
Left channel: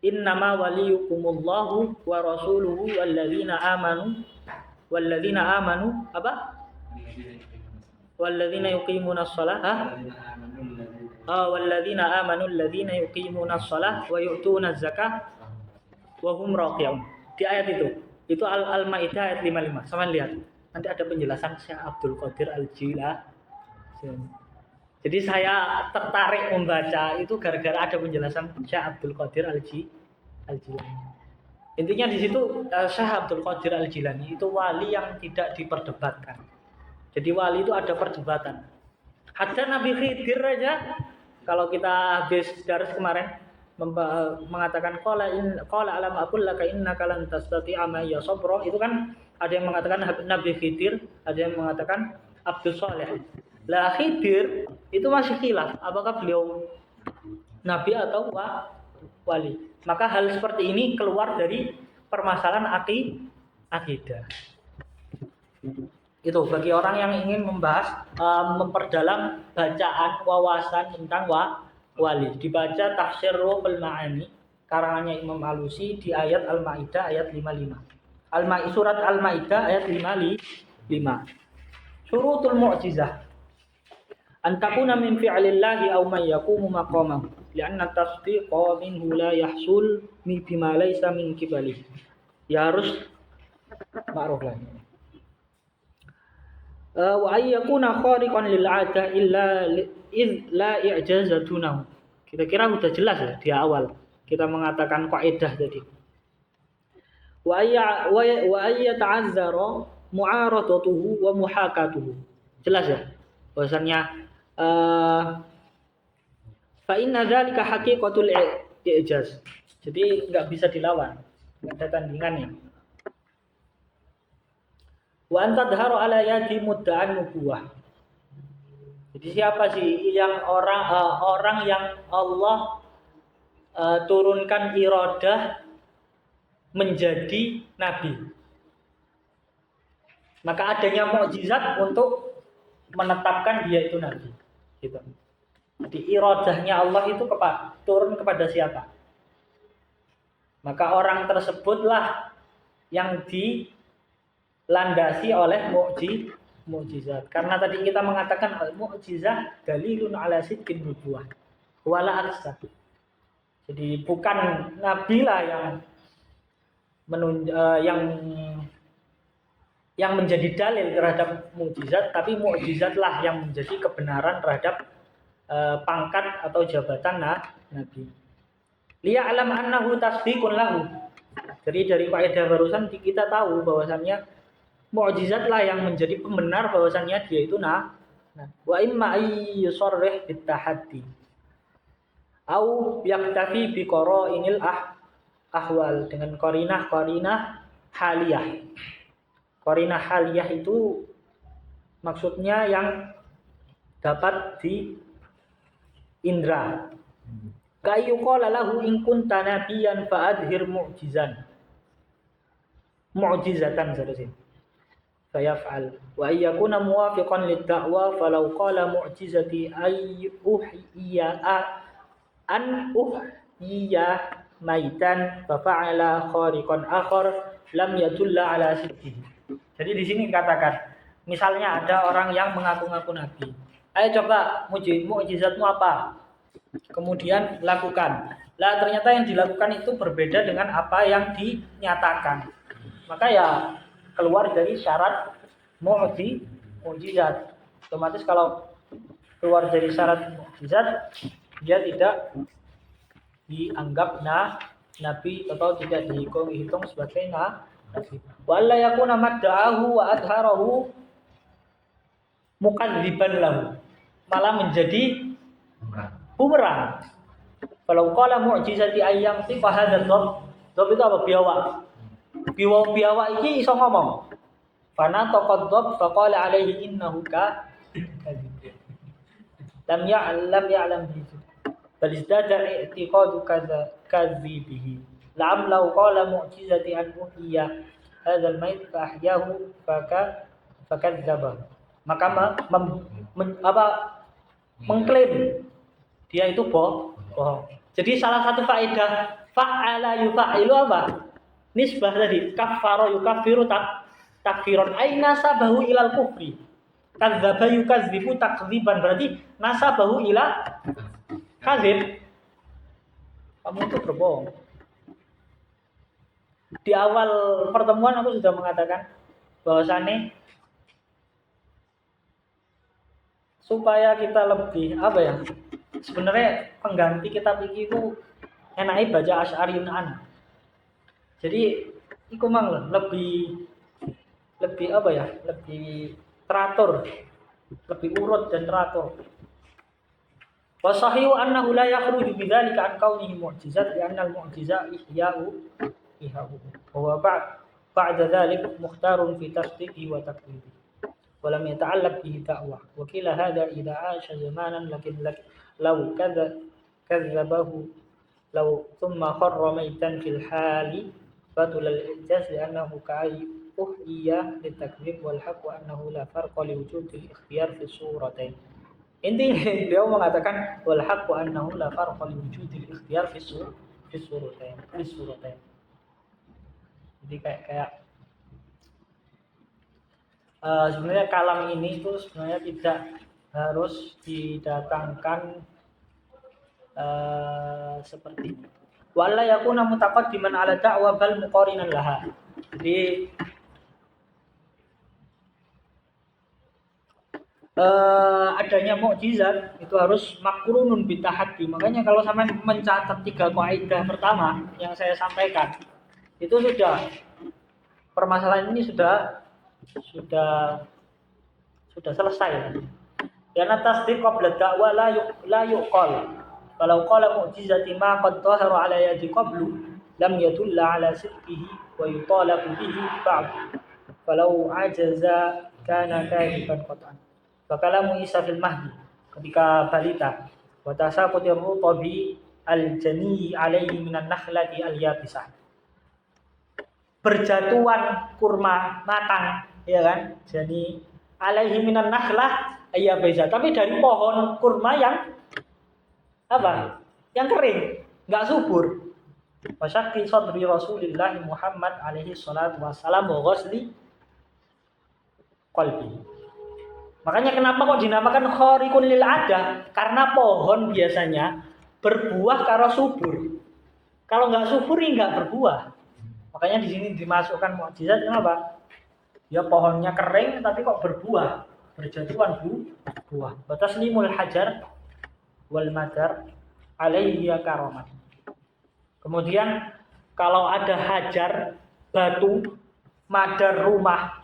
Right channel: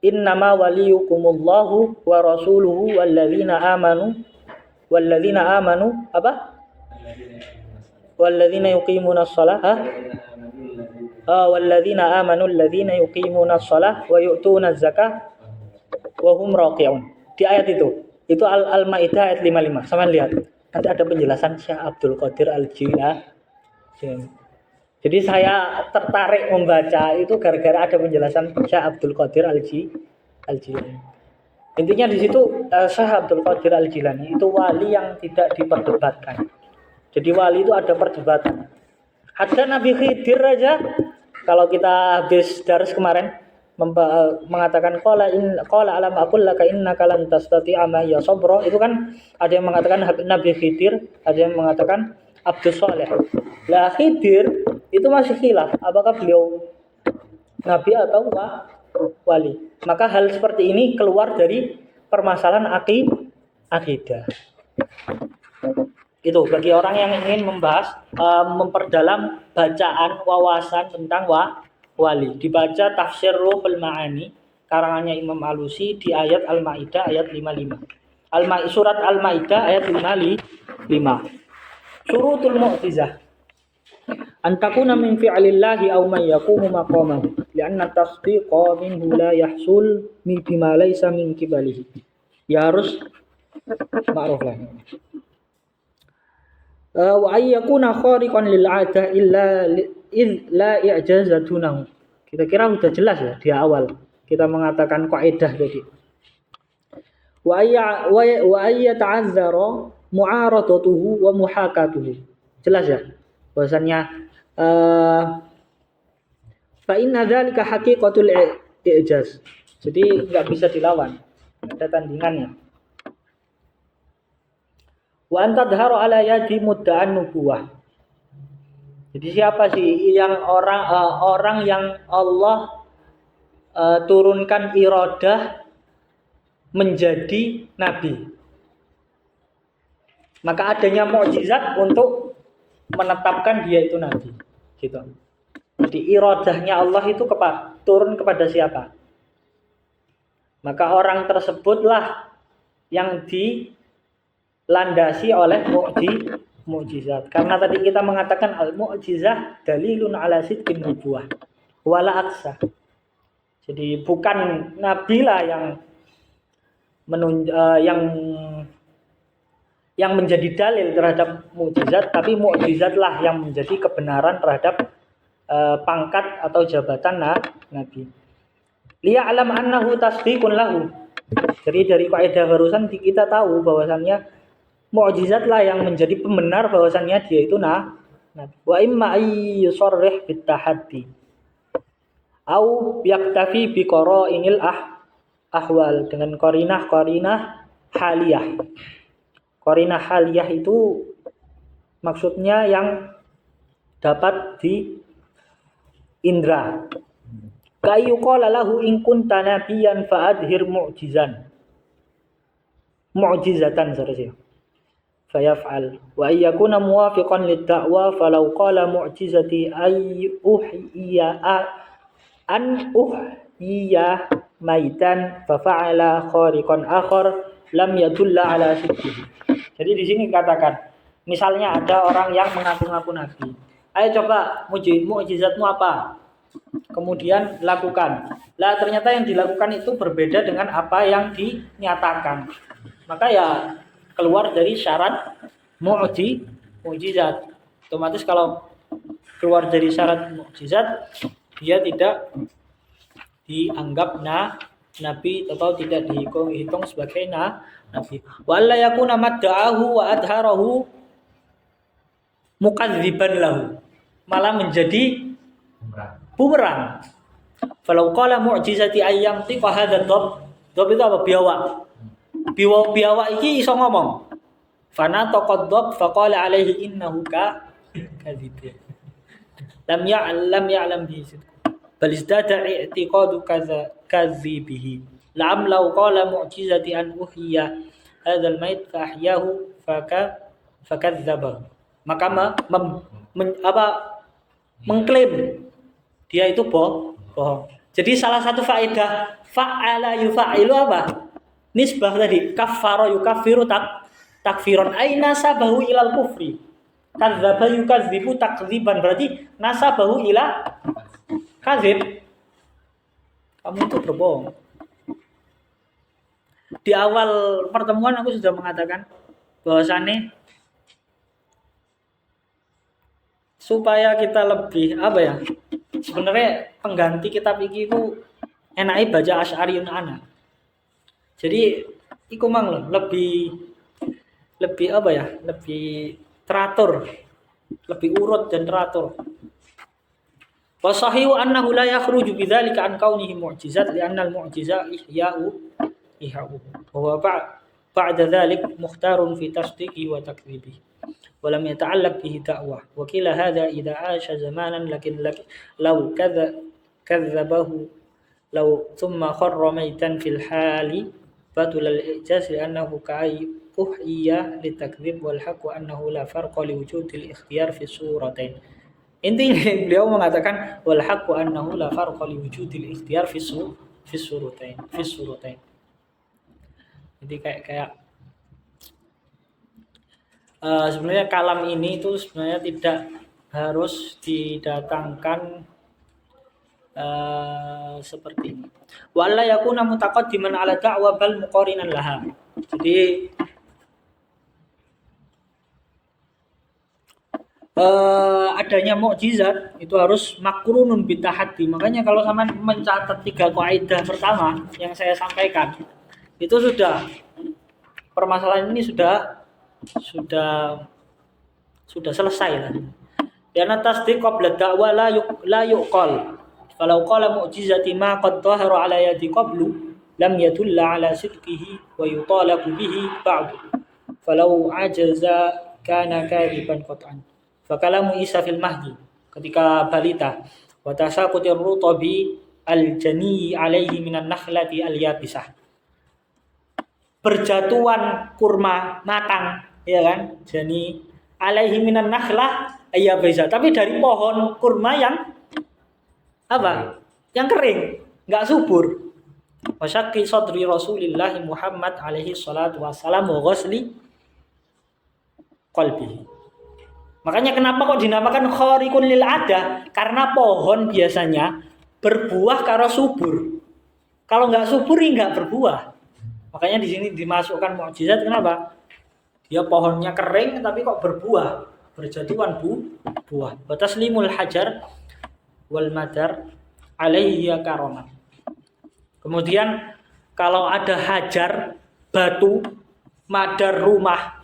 Innama waliyukumullahu wa rasuluhu walladzina amanu apa? Walladzina yuqimunas shalah. Walladzina amanu alladzina yuqimunas shalah wa yu'tunaz zakah wa hum raqi'un. di ayat itu. Itu Al-Maidah ayat 55. Sama lihat. Nanti ada penjelasan Syekh Abdul Qadir Al-Jilani. Jadi saya tertarik membaca itu gara-gara ada penjelasan Syekh Abdul Qadir Al-Jilani. Intinya di situ Syekh Abdul Qadir Al-Jilani itu wali yang tidak diperdebatkan. Jadi wali itu ada perdebatan. Ada Nabi Khidir aja, kalau kita habis dars kemarin mengatakan qala alam aqul laka innaka lan tastati'a ma ya sabra, itu kan ada yang mengatakan Nabi Khidir, ada yang mengatakan Abdus Shalih. Lah Khidir itu masih khilaf apakah beliau nabi atau wali. Maka hal seperti ini keluar dari permasalahan akidah. Itu bagi orang yang ingin membahas memperdalam bacaan wawasan tentang wali, dibaca tafsir Ruhul Ma'ani karangannya Imam Alusi di ayat Al-Maidah ayat 55. Surat Al-Maidah ayat 55. Surutul mu'jizah antakuna min fi'lillahi aw man yaqumu maqamahu li'anna tasdiqa minhu la yahsul min bima laysa min qibalihi. Ya harus ma'ruf lah. Wa ayyakuna khariqan lil 'ada illa la i'jazadunahu. Kira-kira sudah jelas ya di awal kita mengatakan kaidah tadi. Wa ayya ta'azzara mu'aradatuhu wa muhakatuhu. Jelas ya bahwasanya fa inna dzalika haqiqatul i'jaz. Jadi enggak bisa dilawan, enggak ada tandingannya. Wa anta dhharu ala yadi mudda'an nubuwah. Jadi siapa sih yang orang yang Allah turunkan iradah menjadi nabi? Maka adanya mukjizat untuk menetapkan dia itu nabi. Gitu. Jadi iradahnya Allah itu turun kepada siapa? Maka orang tersebutlah yang dilandasi oleh mukjizat. Karena tadi kita mengatakan al-mu'jizah dalilun ala sidqin nubuwah wala aksa. Jadi bukan nabi lah yang menjadi dalil terhadap mukjizat, tapi mukjizatlah yang menjadi kebenaran terhadap pangkat atau jabatan nabi. Liya'lam annahu tasdiqun lahu. Jadi dari kaidah barusan kita tahu bahwasannya mukjizatlah yang menjadi pembenar bahwasannya dia itu nabi. Wa imma ayyusarrih bitahaddi au yaktafi bi qara'inil ahwal, dengan qarinah haliyah. Qarinah haliyah itu maksudnya yang dapat di indra. Kayu qala lahu in kunta nabiyan fa'adhir mu'jizatan seharusnya. Fayaf'al wa ayyakuna muwafiqan lid-da'wa falau qala mu'jizati uhyiya maitan fa fa'ala khariqan akhar lam yadulla ala sidqihi. Jadi di sini katakan, misalnya ada orang yang mengaku-ngaku nabi. Ayo coba mukjizatmu apa? Kemudian lakukan. Lah ternyata yang dilakukan itu berbeda dengan apa yang dinyatakan. Maka ya keluar dari syarat mukjizat. Otomatis kalau keluar dari syarat mukjizat, dia tidak dianggap nabi atau tidak dihitung sebagai nabi. Wa alla yakuna madda'ahu wa adharahu mukadziban lahu, malah menjadi bumerang. Falau qala mu'jizati ayyam tiqa hadha dhab itu apa? Biawa iki iso ngomong. Fana taqaddab faqala alaihi innahu kadzib. Lam ya'lam bi bal izdada i'tiqadu kadzibihi. La'am law qala mu'jizati an uhyiya hadzal mait fa ahyahu fakadzdzaba. Maka mengklaim dia itu bohong. Jadi salah satu faedah fa'ala yufa'ilu apa? Nisbah tadi, kaffara yukaffiru takfiron ay nasabahu ilal kufri. Kadzdzaba yukadzibu takdziban, berarti nasabahu ila kadzib. Kamu itu berbohong. Di awal pertemuan aku sudah mengatakan bahwasannya supaya kita lebih apa ya? Sebenarnya pengganti kitab iki itu enaknya baca Asy'ariyun ana. Jadi iku mang lebih apa ya? Lebih teratur, lebih urut dan teratur. Wa sahihu annahu la yakhruju bidzalika an kaunihi mu'jizat li'anna al-mu'jiza ihya'u. Wa ba'da dzalik mukhtarun fi tasdiqihi wa takdzibihi. ولم يتعلق به دعوة وكلا هذا إذا عاش زمانا لكن لو كذبه لو ثم خر ميتا في الحال بطل الإعجاز لأنه كأي أحيي للتكذيب والحق أنه لا فرق لوجود الاختيار في الصورتين. Intinya beliau mengatakan wal haqqu annahu la farqa li wujudil ikhtiyar fi suratain. Jadi kayak sebenarnya kalam ini itu sebenarnya tidak harus didatangkan seperti ini. Wa la yakuna mutaqaddiman ala da'wa bal muqarinan laha. Jadi adanya mukjizat itu harus makrunun bitahaddi. Makanya kalau sama mencatat 3 kaidah pertama yang saya sampaikan, itu sudah permasalahan ini sudah selesai lah. Karena tasdiq qabla da'wa la yuqal. Kalau qala mu'jizati ma qad dhahara ala yadi qablu lam yadulla ala sidqihi wa yutalabu bihi ba'd. Falau ajaza kana kadiban qat'an. Fa kalamu Isa fil mahdi ketika balita wa tasaqutir rutabi al-jani alaihi minan nakhlati al-yabisah. Berjatuhan kurma matang, ya kan? Jadi alaihi minan nakhlah ayyabisa, tapi dari pohon kurma yang apa? Yang kering, enggak subur. Wasyaqi sadri Rasulillah Muhammad alaihi salatu wassalam wa ghusli qalbi. Makanya kenapa kok dinamakan khariqun lil adah? Karena pohon biasanya berbuah kalau subur. Kalau enggak subur enggak berbuah. Makanya di sini dimasukkan mukjizat, kenapa? Dia pohonnya kering tapi kok berbuah, berjatuhan buah. Wa taslimul hajar wal madar alaihi karamah. Kemudian kalau ada hajar, batu, madar, rumah,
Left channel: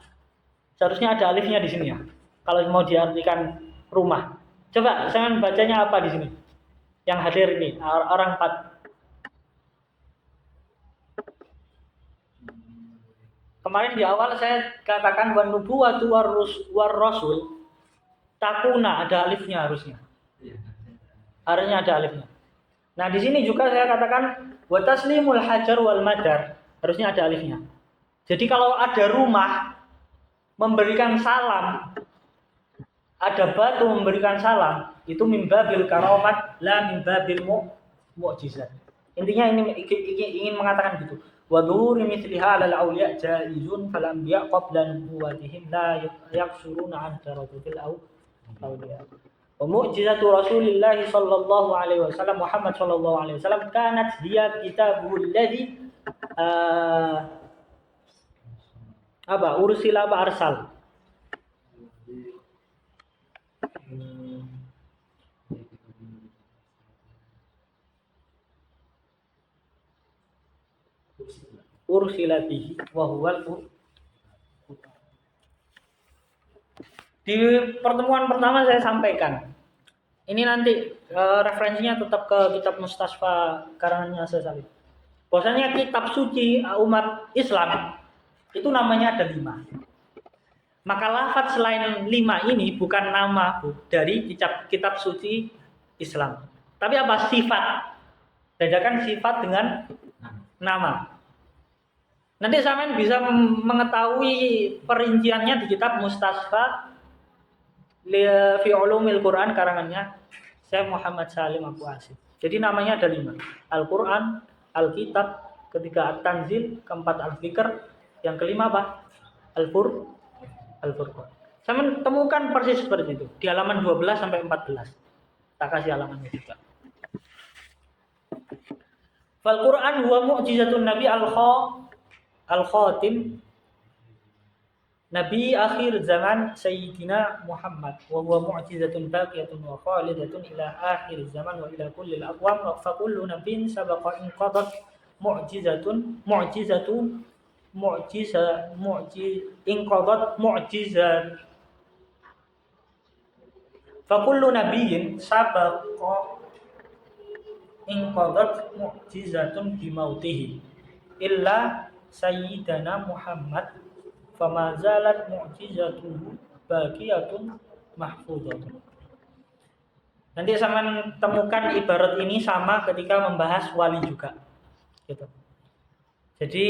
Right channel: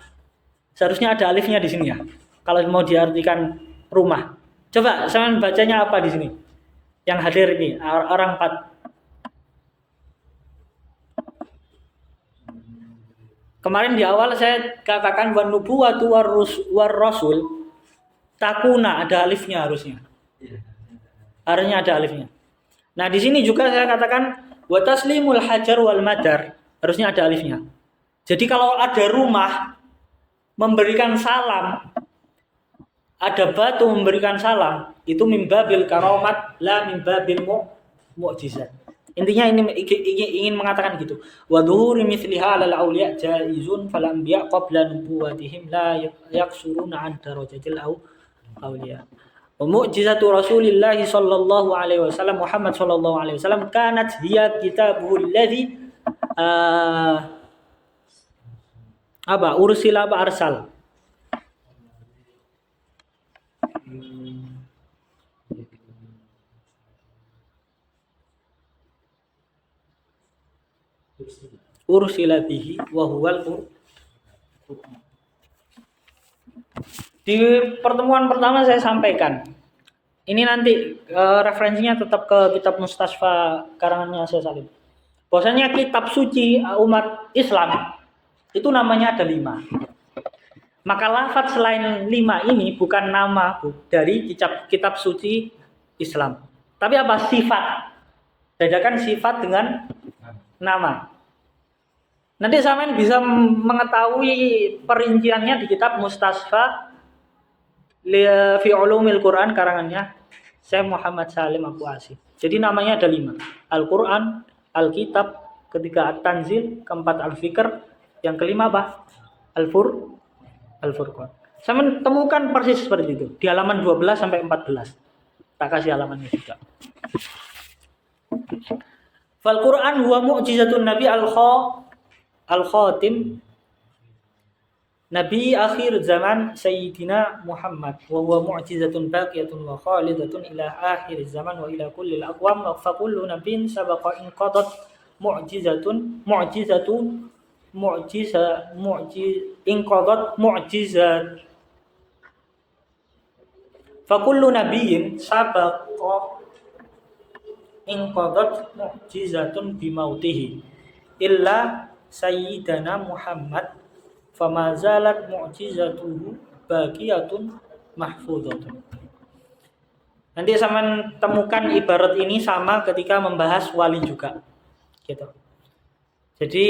seharusnya ada alifnya di sini ya. Kalau mau diartikan rumah. Coba saya bacanya apa di sini? Yang hadir ini orang 4. Kemarin di awal saya katakan wan nubuwatu war rasul takuna, ada alifnya harusnya. Harusnya ada alifnya. Nah, di sini juga saya katakan wa taslimul hajar wal madar, harusnya ada alifnya. Jadi kalau ada rumah memberikan salam, ada batu memberikan salam, itu mimbabil karamat la mimbabil mu'jizat. Intinya ini ingin mengatakan gitu. Wa dhuhuri mithliha 'alal awliya jaizun fal anbiya qabla nubuwatihim la yaksuruna an darajatil awliya. Wa mu'jizatu Rasulillah sallallahu alaihi wasallam Muhammad sallallahu alaihi wasallam kanat hiya kitabuhul ladzi ursila arsal. Ursila bihi wa huwal Qur'an. Di pertemuan pertama saya sampaikan. Ini nanti referensinya tetap ke kitab Mustasfa karangannya Syekh Salim. Bahwasanya kitab suci umat Islam itu namanya ada 5. Maka lafaz selain 5 ini bukan nama dari kitab suci Islam. Tapi apa? Sifat. Bedakan sifat dengan nama. Nanti sampean bisa mengetahui perinciannya di kitab Mustasfa fi Ulumil Quran karangannya Syekh Muhammad Salim Abu Asif. Jadi namanya ada 5. Al-Quran, Al-Kitab, ketiga At-Tanzil, keempat Al-Fikr, yang kelima apa? Al-Furqan. Sampean temukan persis seperti itu di halaman 12 sampai 14. Tak kasih halamannya juga. Fal Quran huwa mu'jizatun Nabi al-khatim Nabi akhir zaman Sayyidina Muhammad wa huwa mu'jizatun baqiyatun wa khalidatun ila akhir zaman wa ila kulli al-aqwam wa fa kullu nabiyyin sabaqa inqadat inqadat mu'jizat fa kullu nabiyyin sabaqa inqadat mu'jizatun bimautihi illa Sayyidina Muhammad fama zalat mu'jizatuhu baqiyatun mahfudhatun. Nanti sama temukan ibarat ini sama ketika membahas wali juga. Gitu. Jadi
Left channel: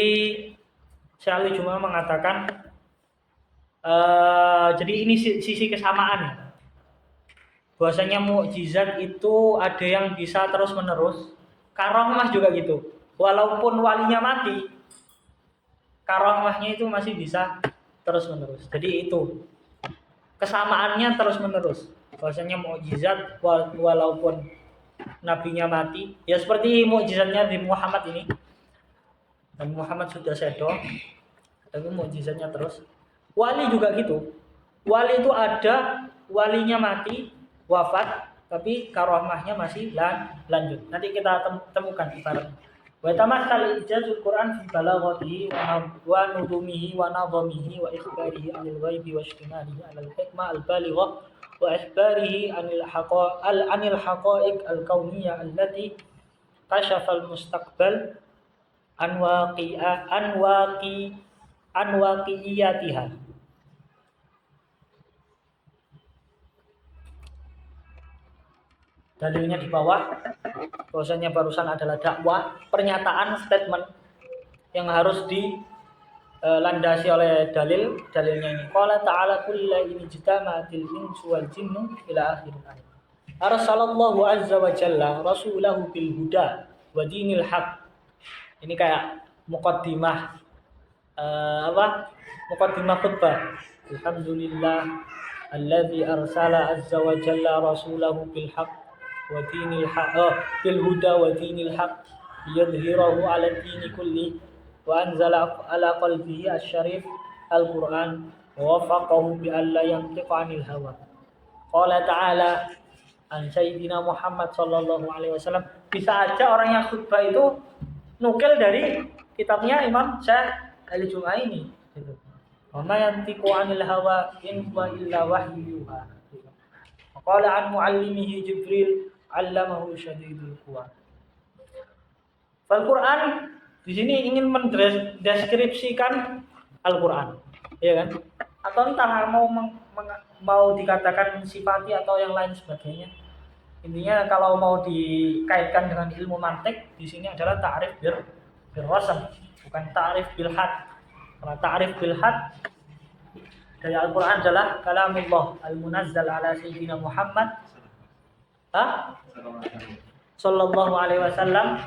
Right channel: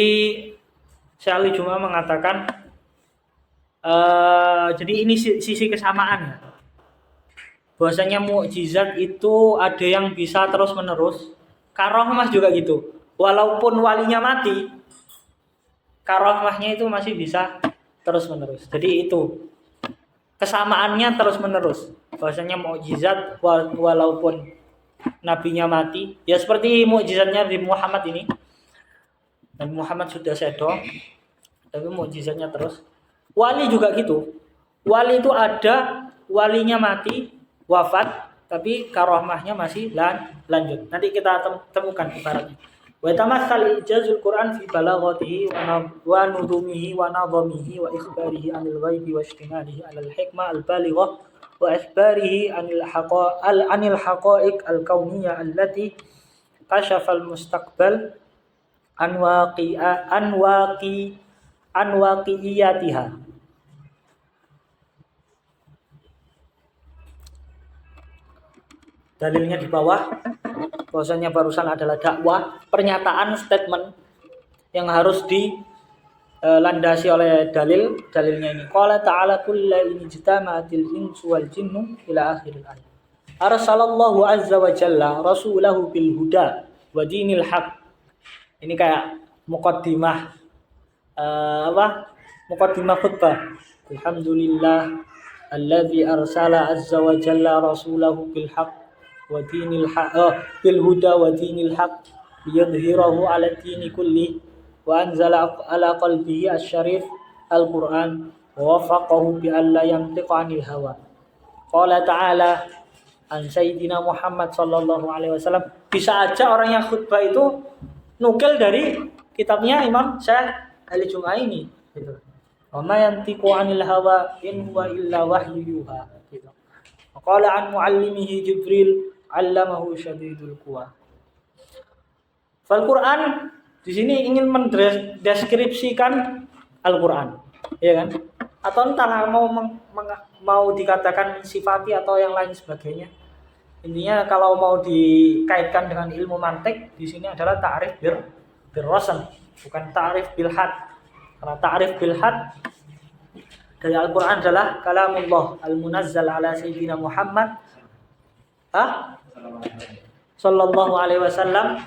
Syekh Ali Juma mengatakan jadi ini sisi kesamaannya. Bahwasanya mukjizat itu ada yang bisa terus menerus. Karomah juga gitu. Walaupun walinya mati, karomahnya itu masih bisa terus menerus. Jadi itu kesamaannya terus menerus. Bahwasanya mukjizat walaupun nabinya mati, ya seperti mukjizatnya di Muhammad ini. Nabi Muhammad sudah sedo, tapi mukjizatnya terus. Wali juga gitu. Wali itu ada walinya mati, wafat, tapi karomahnya masih lanjut. Nanti kita temukan ibaratnya. Wa tamassal ijazul Quran fi balaghatihi wa nudumihi wa nadhamihi wa ikhbarihi 'anil ghaibi wa ishtimalihi 'alal hikmah al-balighah wa ikhbarihi 'anil haqa'iq al-kauniyah allati kashafa al-mustaqbal an waqi'iyatiha. Dalilnya di bawah. Bahwasanya barusan adalah dakwah, pernyataan, statement yang harus dilandasi oleh dalilnya ini. Qala ta'ala kullu in jitama'atil insu wal jinnu ila akhir ayat. Arsalallahu azza wa jalla rasulahu bil huda wa dinil haq. Ini kayak muqaddimah muqaddimah khutbah. Alhamdulillah alladzi arsala azza wa jalla rasulahu bil haq wa dinil haq bil huda wa dinil haq liyadhhirahu 'ala ad-dini kulli wa anzala ala qalbihi asy-syarif al-Qur'an wa wafaqahu bi alla yantiqa 'anil hawa. Qala ta'ala an sayyidina Muhammad sallallahu alaihi wasallam. Bisa aja orang yang khutbah itu nukil dari kitabnya Imam Syekh Ali Juma ini gitu. Wa ma yantiqu 'anil hawa in huwa illa wahyu yuha gitu. Qala an muallimihi Jibril 'allamahu syadidul quwa. Fal Quran di sini ingin mendeskripsikan Al-Qur'an, ya kan? Atau entah mau dikatakan sifati atau yang lain sebagainya. Intinya kalau mau dikaitkan dengan ilmu mantik di sini adalah ta'rif bil rasan, bukan ta'rif bil had. Karena ta'rif bil had dari Al-Qur'an adalah kalamullah al-munazzal ala sayyidina Muhammad sallallahu alaihi wasallam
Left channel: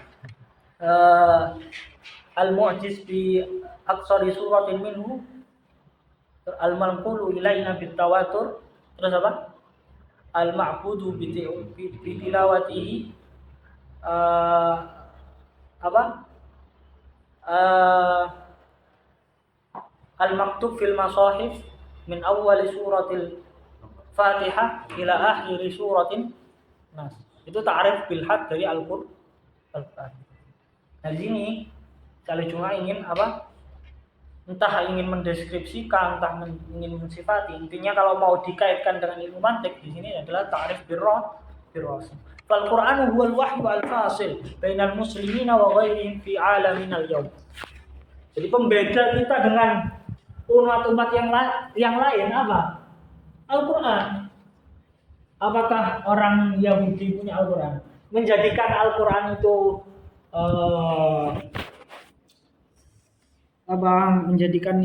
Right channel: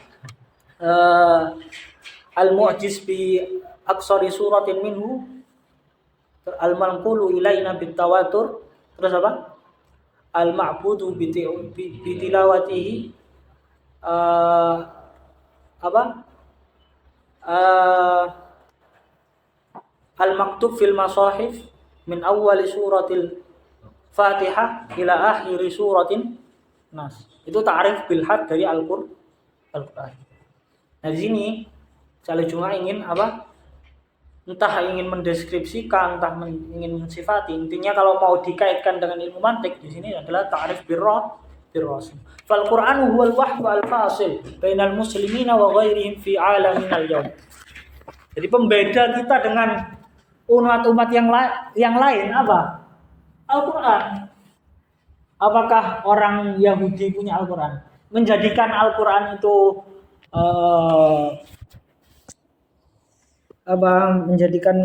al-mu'jiz bi aqsari suratin minhu al-manqulu ilaina bit tawatur. Terus apa? Al-ma'budu bi tilawatihi al-maktub fil masahif min awwal suratil Fatihah ila akhir suratin Nas. Itu ta'rif bil had dari Al-Qur'an. Nah, di sini Syekh Juma ingin apa? Entah ingin mendeskripsikan, entah ingin mensifati. Intinya kalau mau dikaitkan dengan ilmu mantik di sini adalah ta'rif bil rasul. Fal Qur'an huwal wahyu al-fasil bainal muslimina wa ghairihim fi 'alaminal yawm. Jadi pembeda kita dengan umat-umat yang lain apa? Al-Qur'an. Apakah orang Yahudi punya Al-Qur'an? Menjadikan Al-Qur'an itu menjadikan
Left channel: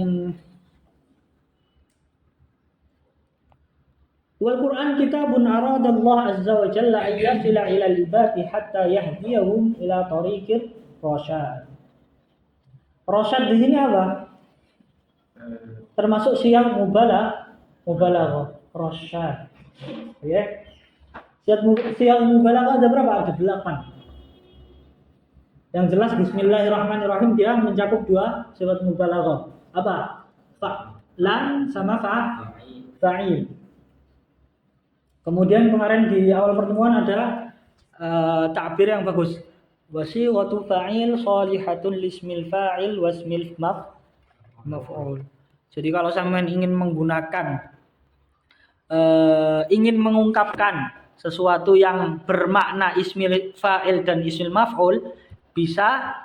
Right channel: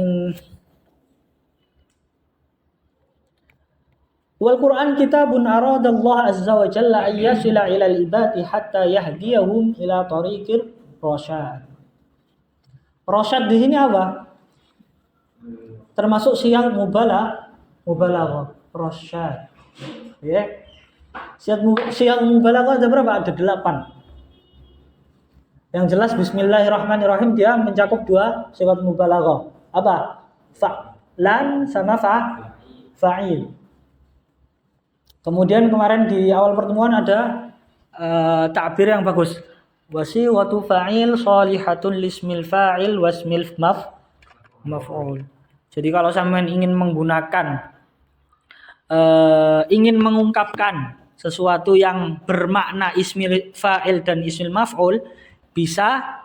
wal Qur'an kitabun aradallahu azza wa jalla ayyasila ila al-ibadi hatta yahdiyahum ila tariqir rasyad. Rasyad di sini apa? Termasuk siang mubalaghah rasyad. Ya. Siang mubalaghah ada berapa? Ada 8. Yang jelas bismillahirrahmanirrahim dia mencakup dua sifat mubalaghah. Apa? Fa'lan sama fa'il. Kemudian kemarin di awal pertemuan ada takbir yang bagus. Wasiwatu fa'il shalihatun lismil fa'il wasmil maf'ul. Jadi kalau sampean ingin menggunakan ingin mengungkapkan sesuatu yang bermakna ismil fa'il dan ismil maf'ul, bisa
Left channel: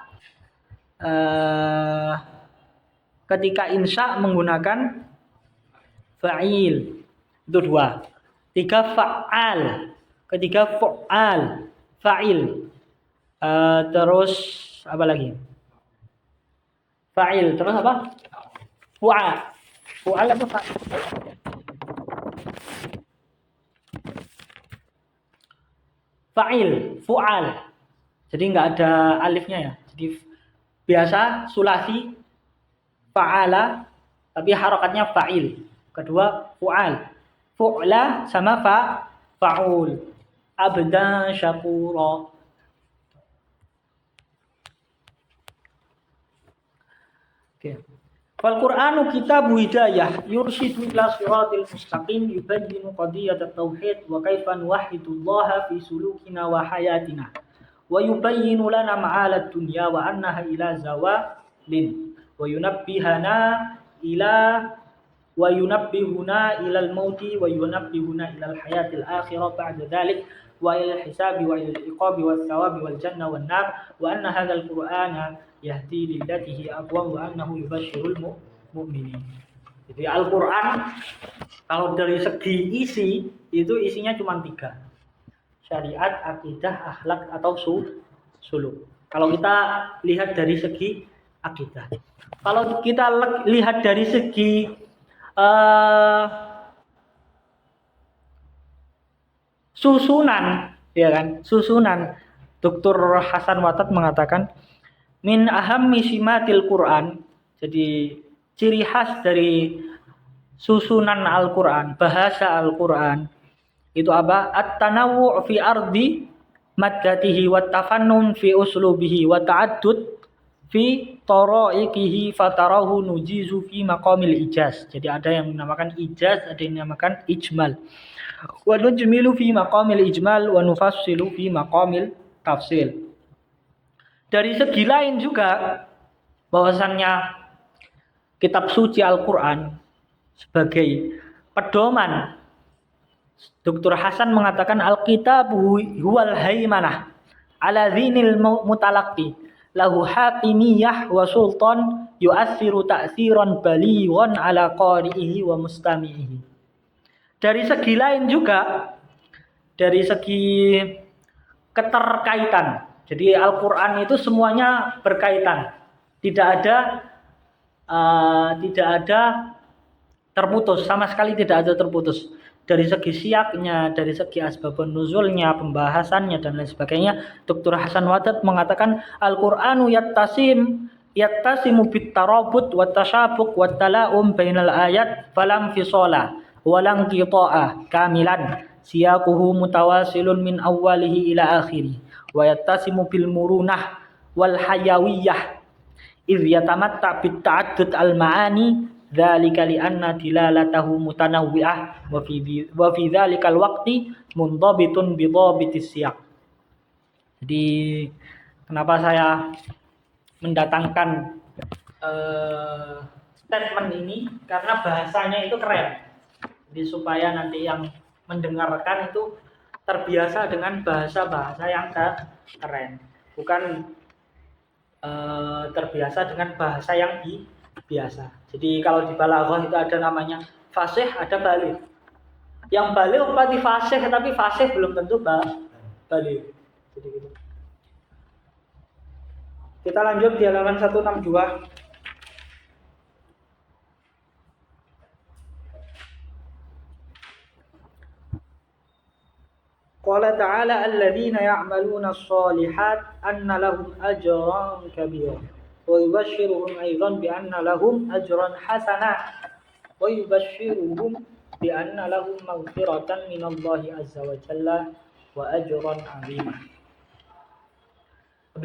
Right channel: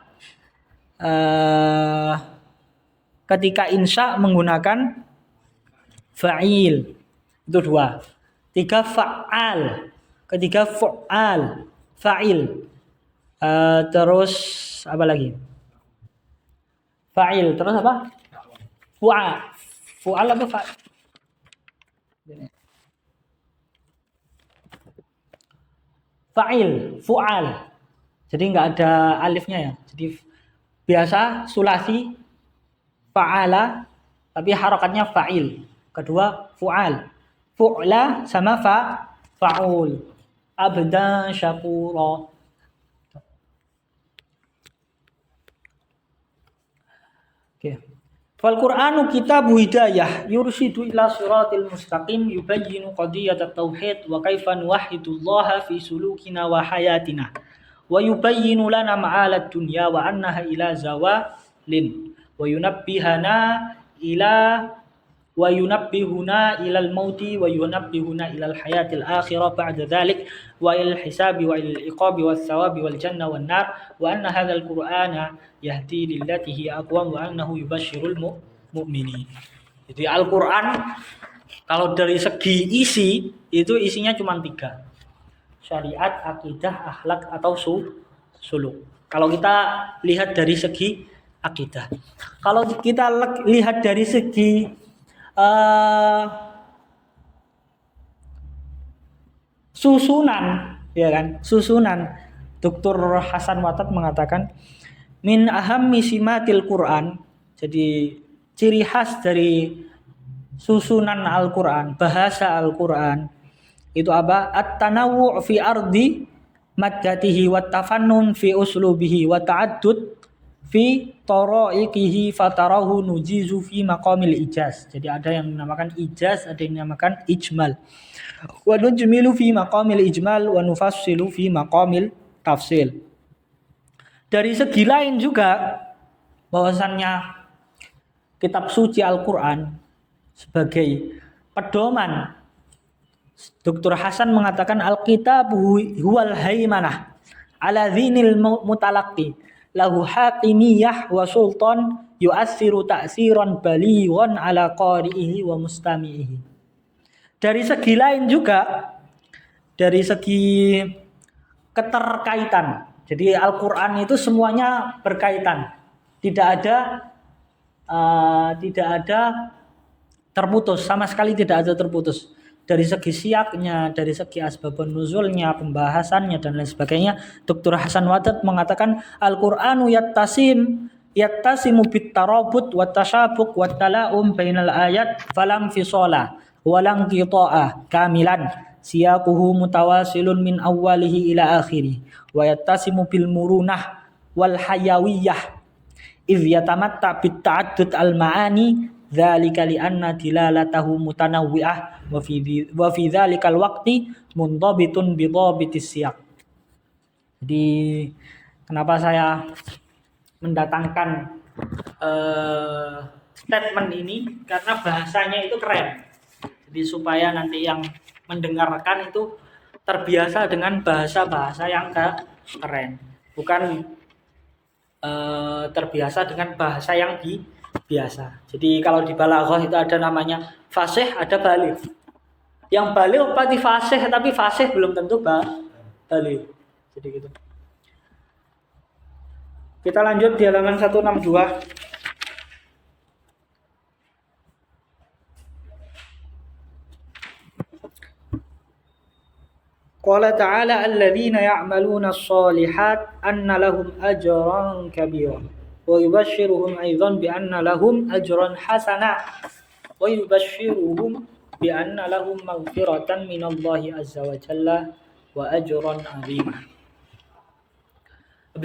ketika insya menggunakan fa'il. Itu dua. Tiga fa'al. Ketiga fa'al. Fa'il. Terus apa lagi? Fa'il. Terus apa? Fu'al apa fa'il? Fa'il. Fu'al. Jadi nggak ada alifnya ya. Jadi biasa sulasi fa'ala tapi harokatnya fa'il. Kedua fu'al. Fu'la sama fa'ul. Abdan syakura. Oke. Fal Qur'anu kitabu hidayah yurshidu ila siratil mustaqim yubayyinu qadiyatat tauhid wa kaifa nuwahhidullaha fi sulukina wa hayatina wa yubayyinu lana ma'alad dunya wa annaha ila zawalin wa yunabbihuna ilal mauti wa yunabbihuna ilal hayatil akhirah ba'da dhalik wa ilal hisabi wa ilal iqabi was thawabi wal jannah wan nar wa anna hadzal qur'ana yahdi lillati hiya aqwam wa annahu yubashshirul mu'minin. Jadi Al-Qur'an kalau dari segi isi itu isinya cuma 3. Syariat, akidah, akhlak atau suluk. Kalau kita lihat dari segi akidah. Kalau kita lihat dari segi susunan, ya kan? Susunan. Dr. Hasan Watad mengatakan min ahammi simatil Quran. Jadi ciri khas dari susunan Al-Quran, bahasa Al-Quran itu apa? At-tanawwu' fi ardi maddatihi wa tafannun fi uslubihi wa ta'addud fi tara'iqihi fatarahu nujizu fi maqamil ijaz. Jadi ada yang dinamakan ijaz, ada yang dinamakan ijmal. Wa nujmilu fi maqamil ijmal wa nufassilu fi maqamil tafsil. Dari segi lain juga bahwasannya kitab suci Al-Quran sebagai pedoman. Dr. Hasan mengatakan al-kitab huwal haymanah ala dhinil mutalaqqi lahu haqimiyah wa sultan yu'assiru ta'siran balighan ala qari'ihi wa mustami'ihi. Dari segi lain juga dari segi keterkaitan. Jadi Al-Qur'an itu semuanya berkaitan. Tidak ada terputus, sama sekali tidak ada terputus. Dari segi siaknya, dari segi asbabun nuzulnya, pembahasannya dan lain sebagainya, Dr. Hasan Watad mengatakan Al-Qur'anu yattasimu bit tarabut wat tashabuq wat talaum bainal ayat falam fisala walang qita'a kamilan siyaquhu mutawasilun min awwalihi ila akhirih wa yattasimu bil murunah wal hayawiyah idh yatamatta bit ta'addud al ma'ani dzalika li anna dilalatahu mutanawwi'ah wa fi dzalikal waqti mundhabitun bi dhabitis siyaq. Jadi kenapa saya mendatangkan statement ini karena bahasanya itu keren. Jadi supaya nanti yang mendengarkan itu terbiasa dengan bahasa-bahasa yang keren, bukan terbiasa dengan bahasa yang biasa. Jadi kalau di balaghah itu ada namanya fasih, ada baligh. Yang baligh pasti fasih, tapi fasih belum tentu baligh. Jadi gitu. Kita lanjut di halaman 162. Qala ta'ala alladzina ya'maluna ash-shalihat anna lahum ajran kabira wa yubashshiruhum aidan bi anna lahum ajran hasana wa yubashshiruhum bi anna lahum maghfiratan minallahi azza wa jalla wa ajran 'azima.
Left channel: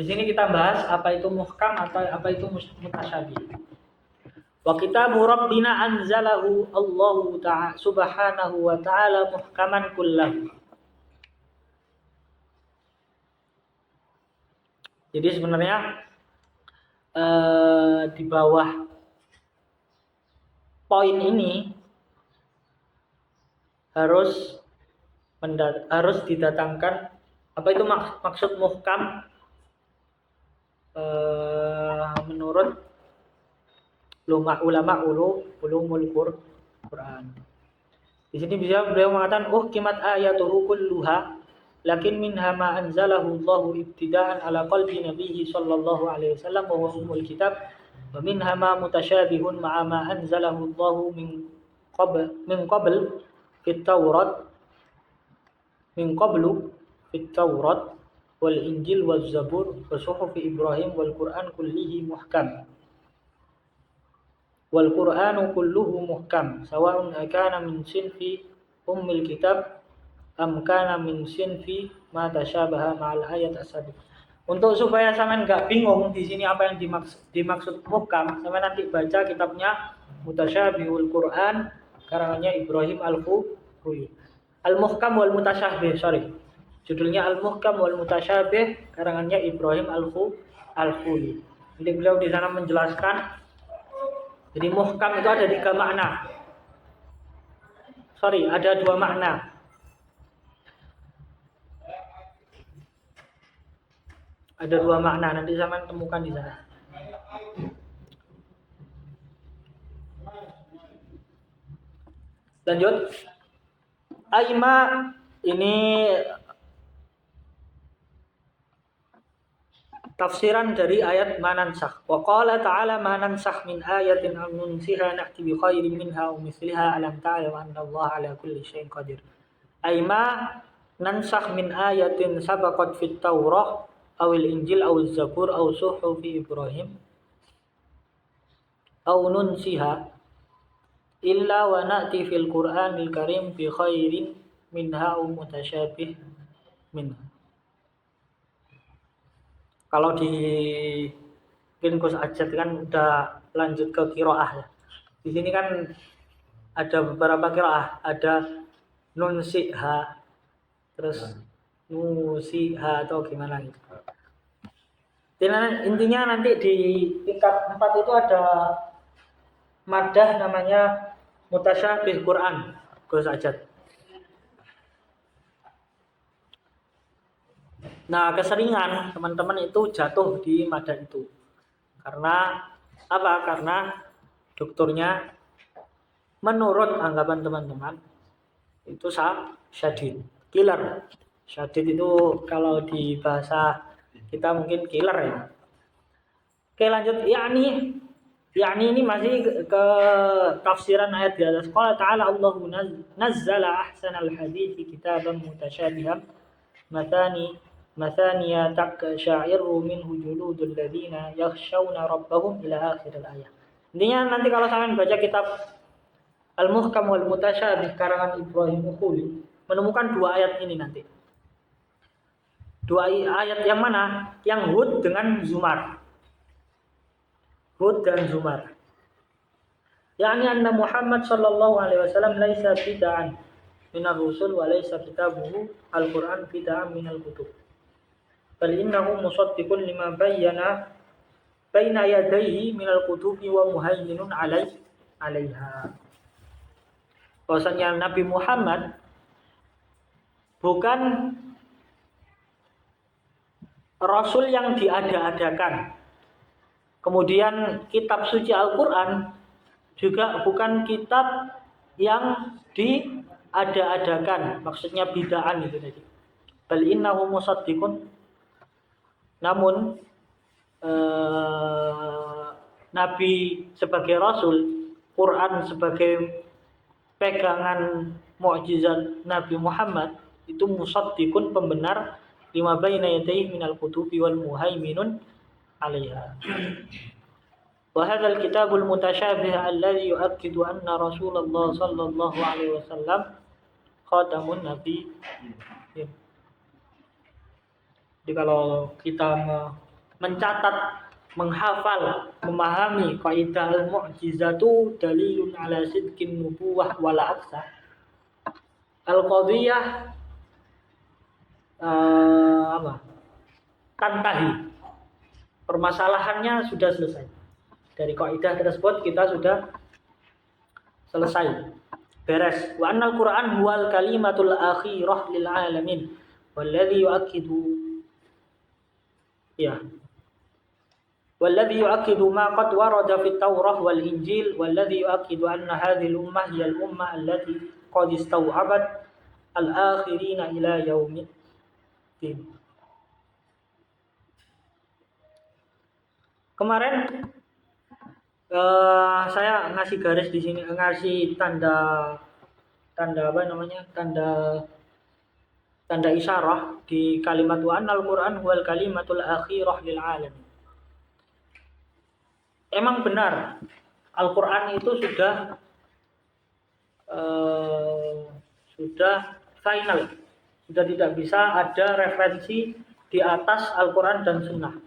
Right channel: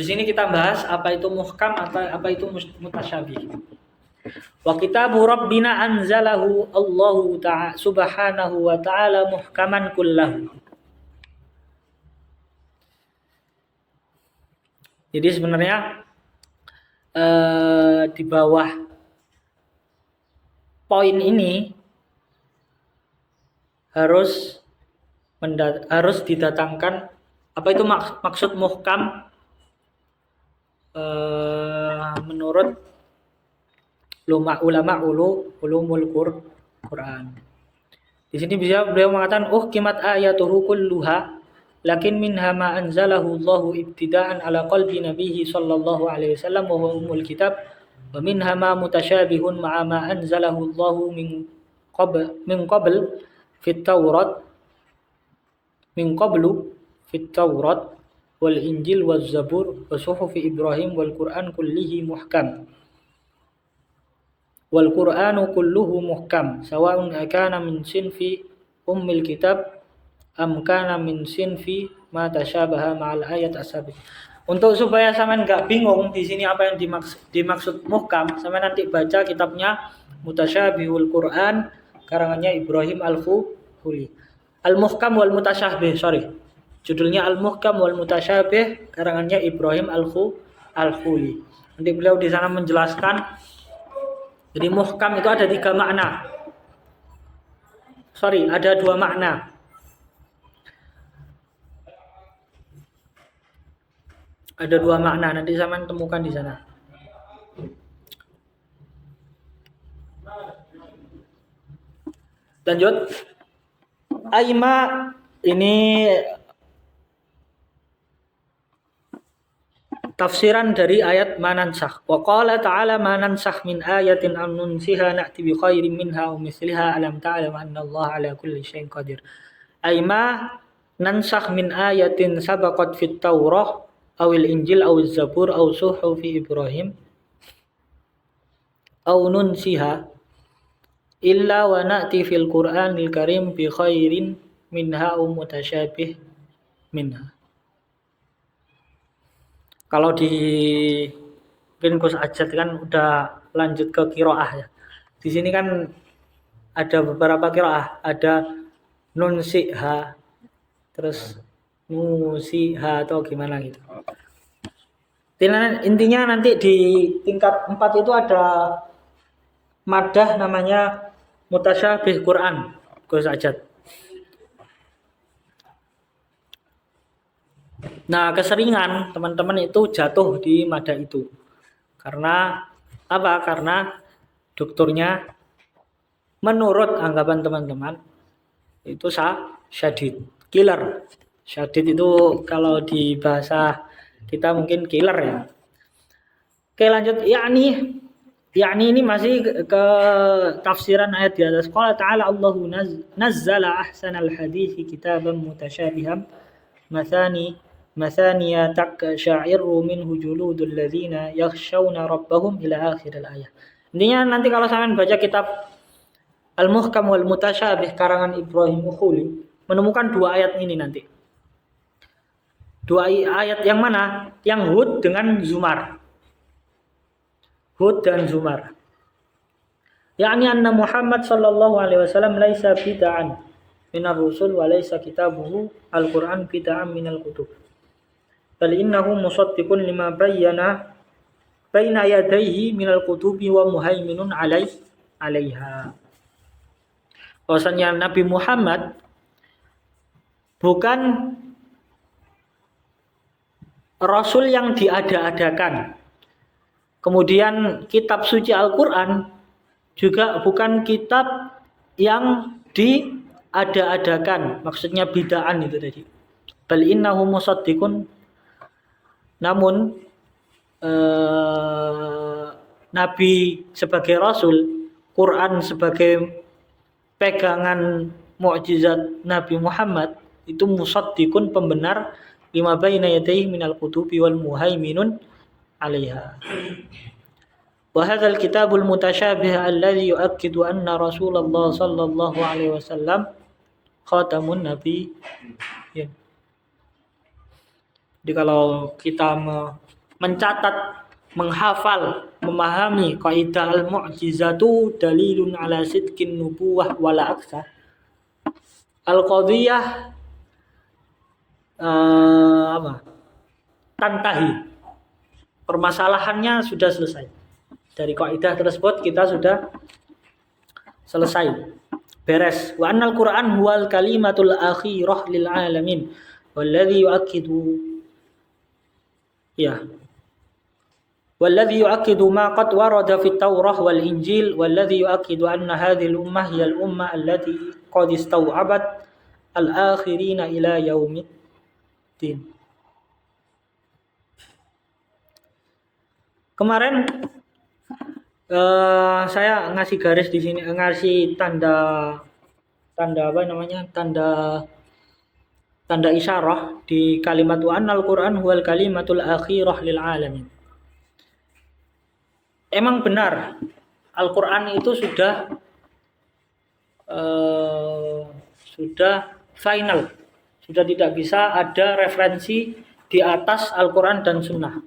Habis ini kita bahas apa itu muhkam atau apa itu mutasyabih. Wa kitabu rabbina anzalahu Allahu ta'ala subhanahu wa ta'ala muhkaman kullahu. Jadi sebenarnya di bawah poin ini harus didatangkan apa itu maksud muhkam menurut ulama ulumul Quran. Di sini beliau mengatakan uhkimat ayatuhu kulluha lakin minha ma anzalahu Allahu ibtida'an ala qalbi nabiyhi sallallahu alaihi wasallam wa huwa ummul kitab wa minha ma mutasyabihun ma'a ma anzalahu Allahu min qabl fit Taurat min qablu fit Taurat wal Injil waz Zabur wa suhufi Ibrahim wal Qur'an kullihi muhkam wal Qur'anu kulluhu muhkam sawa'un akana min sinfi ummil kitab am kana min sinfi ma tasyabaha ma'al ayat as-sabiq. Untuk supaya sampean enggak bingung di sini apa yang dimaksud muhkam, sampean nanti baca kitabnya Mutasyabihul Quran karangannya Ibrahim Al-Khuli. Al-Muhkam wal Mutasyabih, judulnya Al-Muhkam wal Mutasyabih karangannya Ibrahim Al-Khuli. Nanti beliau di sana menjelaskan. Jadi muhkam itu ada 3 makna. Ada 2 makna. Ada 2 makna, nanti sampean temukan di sana. Lanjut. Aima ini tafsiran dari ayat manansakh. Wa qala ta'ala manansakh min ayatin am nunsiha na'ti bi khairin minha aw misliha alam ta'lam anna Allah ala kulli syai'in qadir. Aima nansakh min ayatin sabaqat fit Taurah awil Injil awil Zabur aw suhufi Ibrahim aw nunsiha illa wa na'ti fil Qur'anil Karim bi khairin minha aw mutasyabih minha. Kalau di Gus Ajat kan udah lanjut ke qiraah ya. Di sini kan ada beberapa qiraah, ada nunsiha terus nusiha atau gimana gitu. Intinya nanti di tingkat 4 itu ada madah namanya mutasyabih Quran, Gus Ajat. Nah, keseringan teman-teman itu jatuh di madah itu. Karena apa? Karena dokternya menurut anggapan teman-teman itu syadid, killer. Syadid itu kalau di bahasa kita mungkin killer ya. Oke, lanjut. Yakni ini masih ke tafsiran ayat di atas. Qala ta'ala Allahu nazzala ahsanal hadithi kitaban mutasyabihan mathaniya taqsha'iru minhu juludul ladzina yakhshawna rabbahum ila akhiril ayat. Intinya nanti kalau sampean baca kitab Al-Muhkam wal Mutasyabih karangan Ibrahim Al-Khuli menemukan 2 ayat ini nanti. 2 ayat yang mana? Yang Hud dengan Zumar. Hud dan Zumar. Yakni anna Muhammad sallallahu alaihi wasallam laisa bid'an minar rusul wa laisa kitabuhu al-Qur'an bid'an minal kutub. Bal innahu musaddiqun lima baina yadayhi minal kutubi wa muhaiminun alaiha. Bahwasanya Nabi Muhammad bukan Rasul yang diada-adakan. Kemudian kitab suci Al-Quran juga bukan kitab yang diada-adakan. Maksudnya bid'aan itu tadi. Bal innahu musaddiqun. Namun Nabi sebagai Rasul, Quran sebagai pegangan mukjizat Nabi Muhammad itu musaddiqun, pembenar lima baina yadayhi minal kutubi wal muhaiminun 'alaiha. Wa hadzal kitabul mutasyabih alladhi yu'akkidu anna Rasulullah sallallahu alaihi wasallam khatamun nabiyyin. Jadi kalau kita mencatat, menghafal, memahami kaidah al-mu'jizatu dalilun ala sidqin nubuwah wala aksa. Al-qadhiyah tantahi. Permasalahannya sudah selesai. Dari kaidah tersebut kita sudah selesai. Beres. Wa annal Qur'an huwal kalimatul akhirah lil alamin. Walladhi yu'akkidu والذي يؤكد ما قد ورد في التوراة والإنجيل والذي يؤكد أن هذه الأمة هي الأمة التي قد استوعبت الآخرين إلى يوم الدين. Kemarin saya ngasih garis di sini, ngasih tanda isyarah di kalimat wa annal Qur'an huwal kalimatul akhirah lil alamin. Emang benar Al-Qur'an itu sudah final, sudah tidak bisa ada referensi di atas Al-Qur'an dan Sunnah.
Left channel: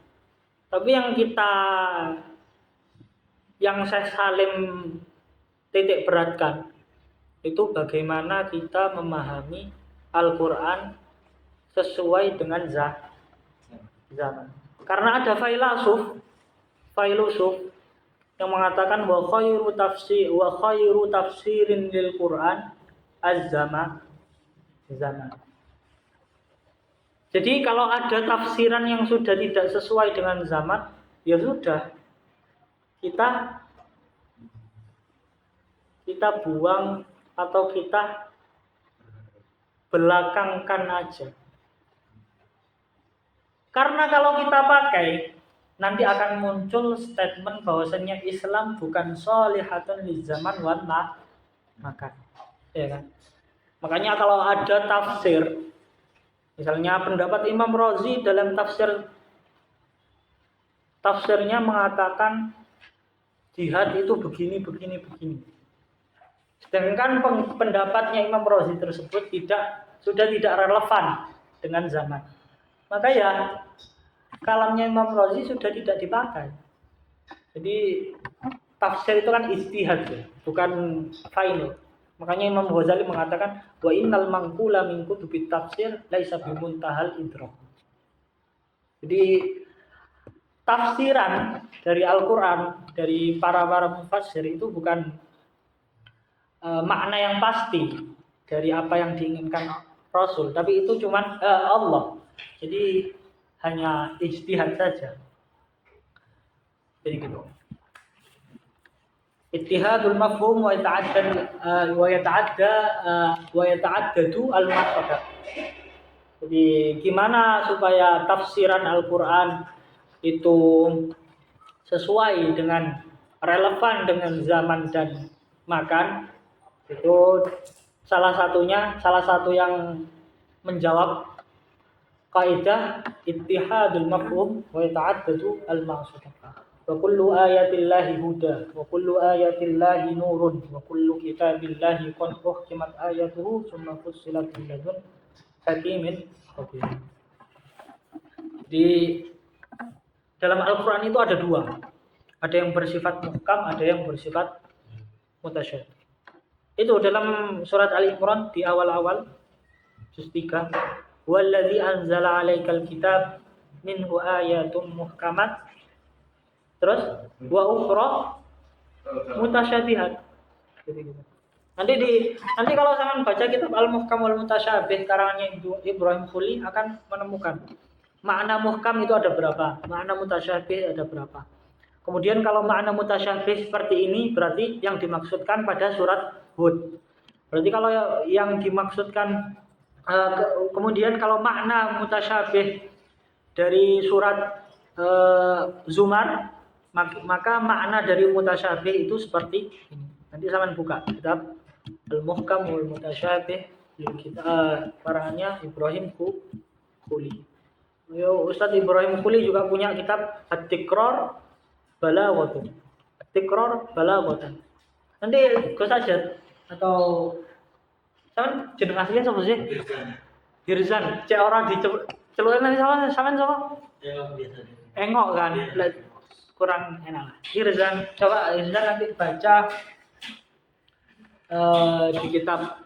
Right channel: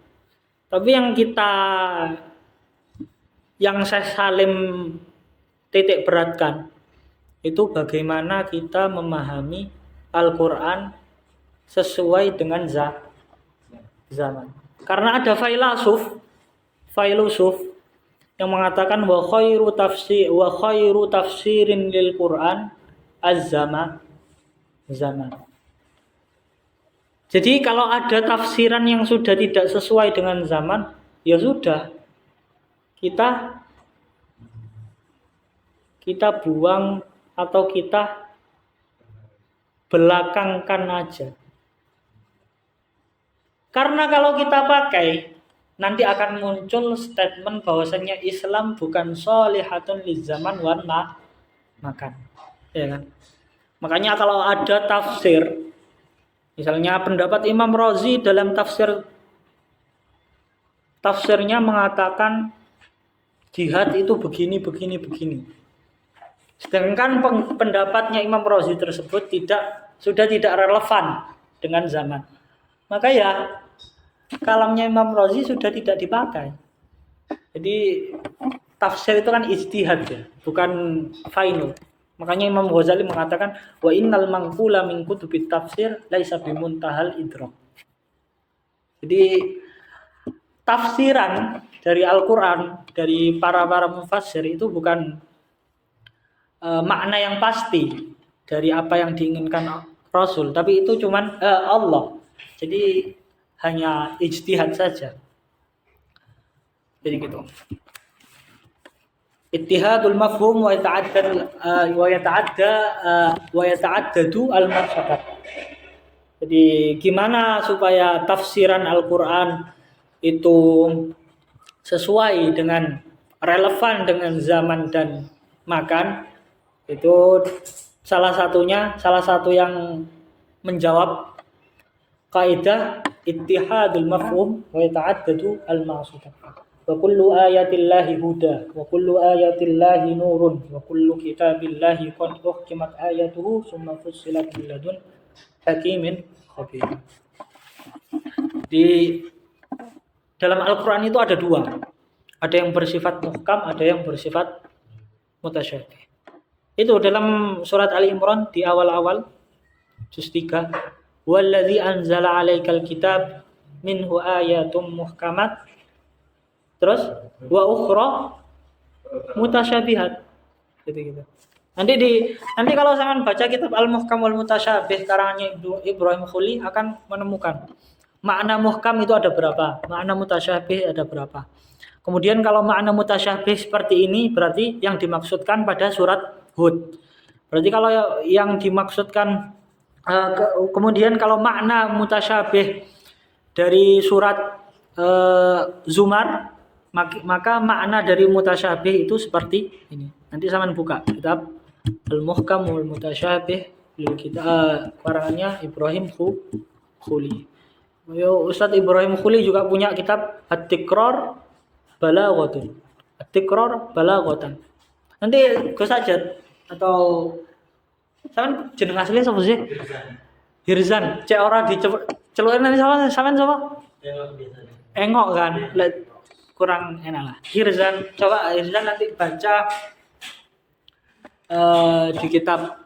Tapi yang saya Salim titik beratkan itu bagaimana kita memahami Al-Qur'an sesuai dengan zaman. Karena ada filosof yang mengatakan wa khairu tafsirin lil Qur'an az-zaman. Jadi kalau ada tafsiran yang sudah tidak sesuai dengan zaman, ya sudah kita buang atau kita belakangkan aja. Karena kalau kita pakai, nanti akan muncul statement bahwasanya Islam bukan sholihatun lizaman wan makan. Ya kan? Makanya kalau ada tafsir, misalnya pendapat Imam Razi dalam tafsirnya mengatakan jihad itu begini. Sedangkan pendapatnya Imam Razi tersebut sudah tidak relevan dengan zaman. Maka ya kalamnya Imam Razi sudah tidak dipakai. Jadi tafsir itu kan ijtihad ya, bukan final. Makanya Imam Ghazali mengatakan wa innal manqula min kutubit tafsir laisa bimuntahal idrak. Jadi tafsiran dari Al-Qur'an dari para mufassir itu bukan makna yang pasti dari apa yang diinginkan Rasul, tapi itu cuman Allah. Jadi hanya ijtihad saja. Jadi gitu. Ittihadul mafhum wa yata'addadu al-mafsadat. Jadi gimana supaya tafsiran Al-Qur'an itu sesuai dengan relevan dengan zaman dan makan, itu salah satu yang menjawab kaidah ittihadul mafhum wa yata'addadu al-maqsudat. Wa kullu ayatillahi huda wa kullu ayatillahi nurun wa kullu kitabillahi qad uhkimat ayatuhu summa fussilat min ladun hakimin khabir. Di dalam Al-Qur'an itu ada dua. Ada yang bersifat muhkam, ada yang bersifat mutasyabih. Itu dalam surat Ali Imran di awal-awal juz 3, wallazi anzala 'alaikal kitab minhu ayatum muhkamat, terus wa ukhra mutasyabihat. Gitu. Nanti kalau sampean baca kitab Al-Muhkam wal Mutasyabih karangannya Ibrahim Khuli akan menemukan makna muhkam itu ada berapa, makna mutasyabih ada berapa. Kemudian kalau makna mutasyabih seperti ini berarti yang dimaksudkan pada surat Hud. Berarti kalau yang dimaksudkan kemudian kalau makna mutasyabih dari surat Zumar, maka makna dari mutasyabih itu seperti ini. Nanti sampean buka kitab Al-Muhkam wal Mutasyabih karangannya Ibrahim Khuli. Ustadz Ibrahim Khuli juga punya kitab At-Tiqrar Balaghatun. At-Tiqrar Balaghatun. Nanti Gus Sajat atau sampean jeneng aslinya sapa sih? Hirzan. Cek ora dicelukan nanti sampean sapa? Engok kan, kurang enak lah. Hirzan, coba Hirzan nanti baca di kitab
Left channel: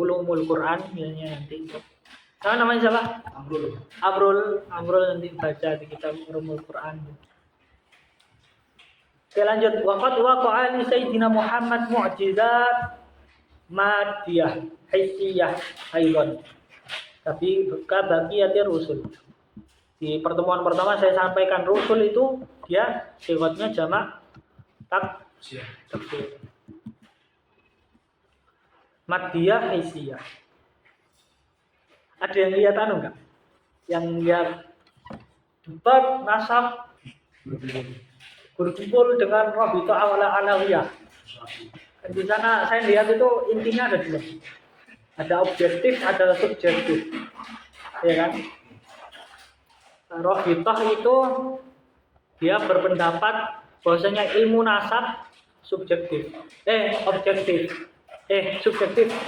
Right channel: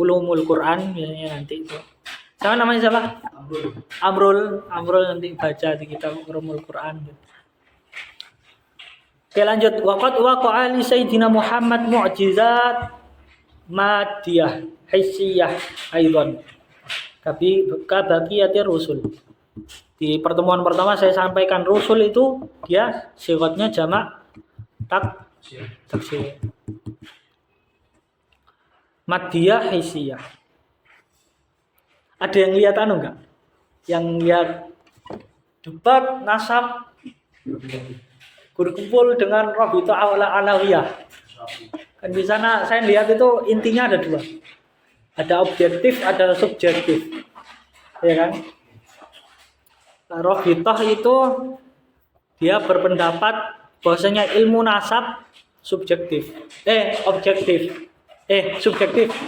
Ulumul Quran biasanya nanti itu. Siapa namanya siapa? Amrul nanti baca di kitab Ulumul Quran. Oke lanjut. Waqat waqa'a li Sayyidina Muhammad mu'jizat madiyah hissiyah aidan. Tapi kabaqiyatir rusul. Di pertemuan pertama saya sampaikan rusul itu dia sifatnya jamak taksir. Madiyah hissiyah. Ada yang lihat enggak? Yang lihat debat nasab berkumpul dengan Rabita awala alawiyah. Kan di sana saya lihat itu intinya ada dua. Ada objektif, ada subjektif. Ya kan? Rabitah itu dia berpendapat bahwasanya ilmu nasab subjektif. Subjektif.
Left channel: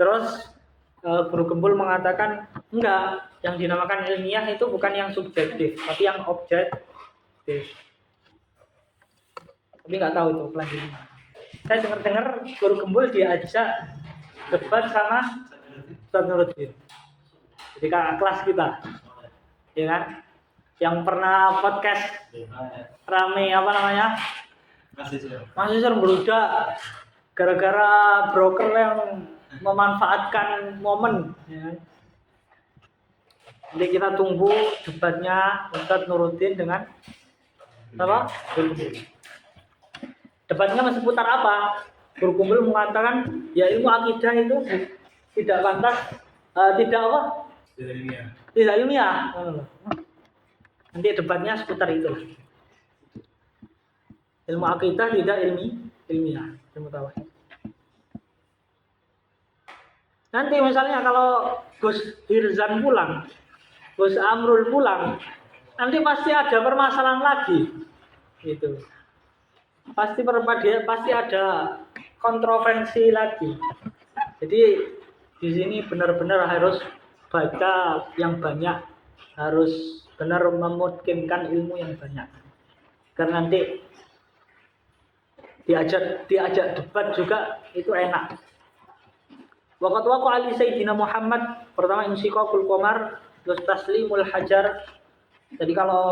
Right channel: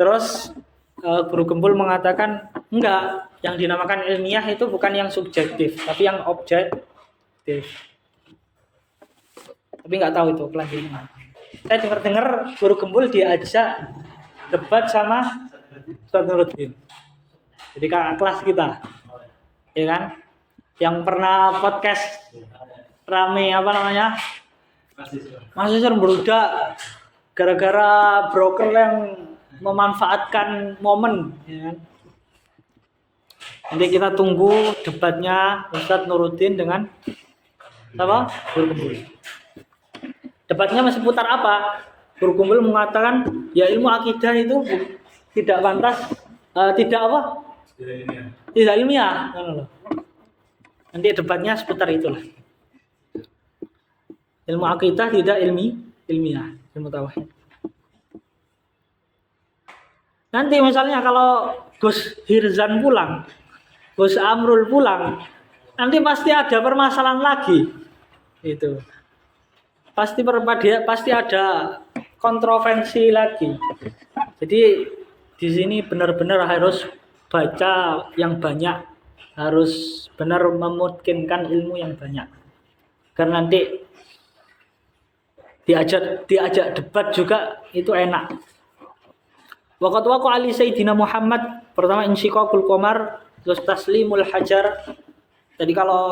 Terus Guru Gembul mengatakan enggak, yang dinamakan ilmiah itu bukan yang subjektif, tapi yang objektif. Tapi nggak tahu itu kelanjutannya. Saya dengar Guru Gembul diajak debat sama Ustaz Nuruddin. Jadi kakak kelas kita, ya kan? Yang pernah podcast rame apa namanya? Mahasiswa berudak gara-gara broker yang memanfaatkan momen, ya kan? Nanti kita tunggu debatnya Ustaz Nuruddin dengan apa? Guru Gembul. Debatnya masih putar apa? Guru Gembul mengatakan ya ilmu akidah itu tidak pantas, tidak apa? Tidak ilmiah. Nanti debatnya seputar itulah. Ilmu akidah tidak ilmiah, ilmu tauhid. Nanti misalnya kalau Gus Hirzan pulang, Gus Amrul pulang, nanti pasti ada permasalahan lagi. Itu. Pasti ada kontroversi lagi. Jadi di sini benar-benar harus baca yang banyak, harus benar memungkinkan ilmu yang banyak. Karena nanti diajak debat juga itu enak. Waqat waqa ali Sayyidina Muhammad, pertama insyiqaqul qamar, terus taslimul hajar. Jadi kalau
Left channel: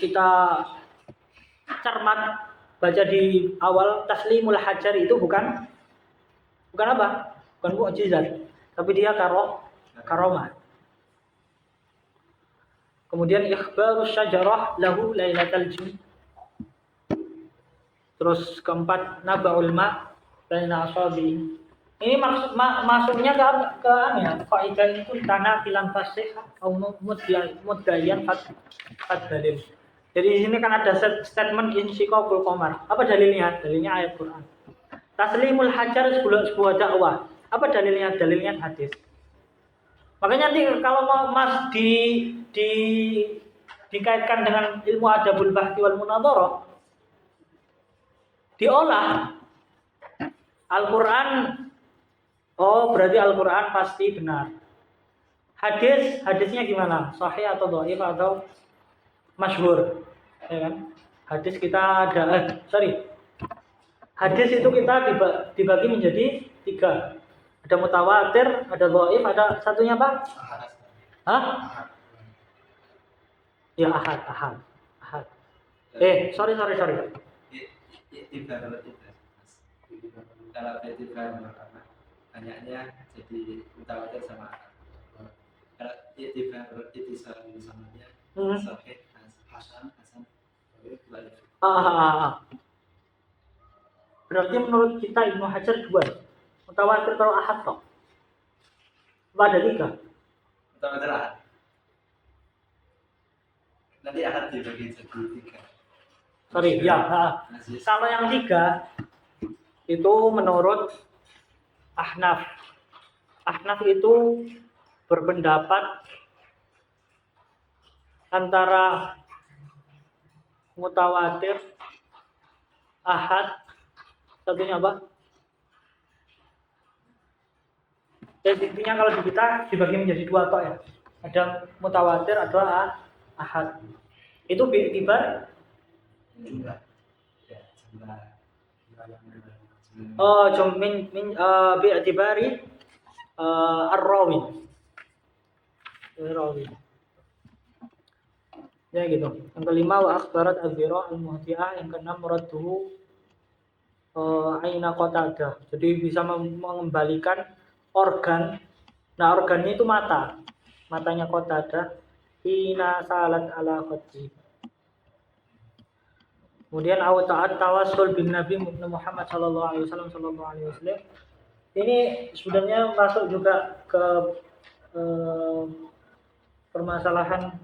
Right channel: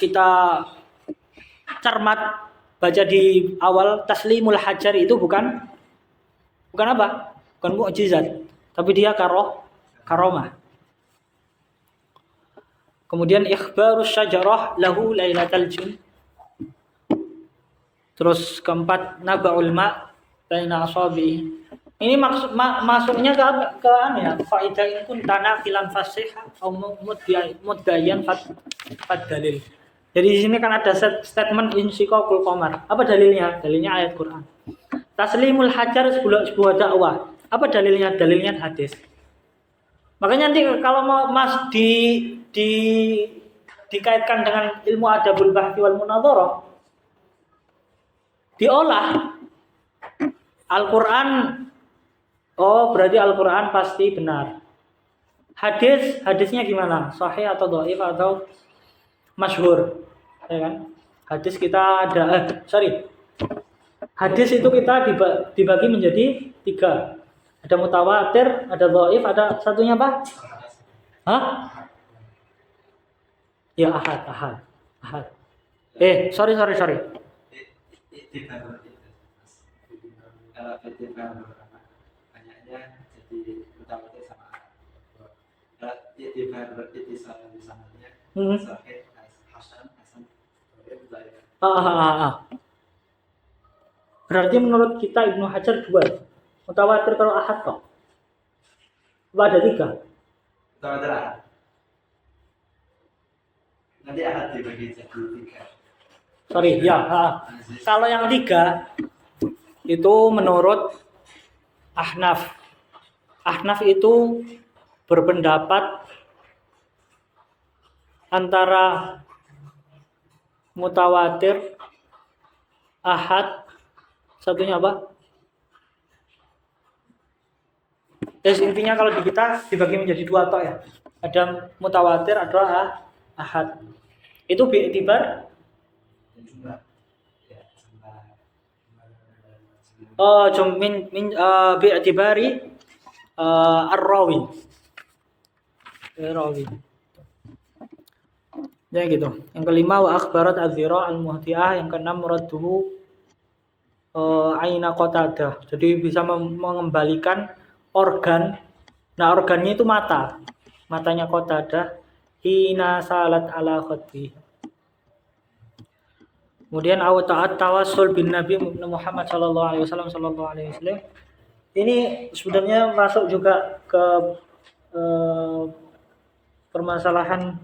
kita cermat baca di awal taslimul hajar itu bukan apa? Bukan mukjizat, tapi dia karomah. Kemudian ikhbarus syajarah lahu lailatal jum. Terus keempat nabaul ma baina asabi. Ini masuknya ke ya, faidah in kun tanah filan fasih atau muddayan fat dalil. Jadi di sini kan ada statement insyiqaqul qamar. Apa dalilnya? Dalilnya ayat Quran. Taslimul hajar sebuah dakwah. Apa dalilnya? Dalilnya hadis. Makanya nanti kalau mau dikaitkan dengan ilmu adabul bahthi wal munadharah, diolah Al-Quran. Oh, berarti Al-Quran pasti benar. Hadisnya gimana? Sahih atau dhaif atau masyhur? Ya kan? Hadis kita ada hadis itu kita dibagi menjadi 3. Ada mutawatir, ada dhaif, ada satunya apa? Ya ahad. Sorry. Kalau banyaknya jadi mutawatir sama kalau itisal misalnya sahih hasan Berarti menurut kita Ibnu Hajar 2. Mutawatir kalau ahad kok? Ada 3. Mutawatir ahad. Nanti ahad dibagi jadi 3. Kalau yang 3 itu menurut Ahnaf. Ahnaf itu berpendapat antara mutawatir, ahad, satunya apa? Intinya kalau di kita dibagi menjadi 2 tok ya. Ada mutawatir, ada ahad. Itu bi'tibar jumlah ya jumlah bi'tibari ar-rawi. Rawi. Ya gitu. Yang kelima wa akhbarat az-zira al-muhtiah, yang keenam muradduhu aina qatada. Jadi bisa mengembalikan organ. Nah, organnya itu mata. Matanya qatada hina salat ala khatti. Kemudian ta'at tawassul bin Nabi Muhammad sallallahu alaihi wasallam. Ini sebenarnya masuk juga ke permasalahan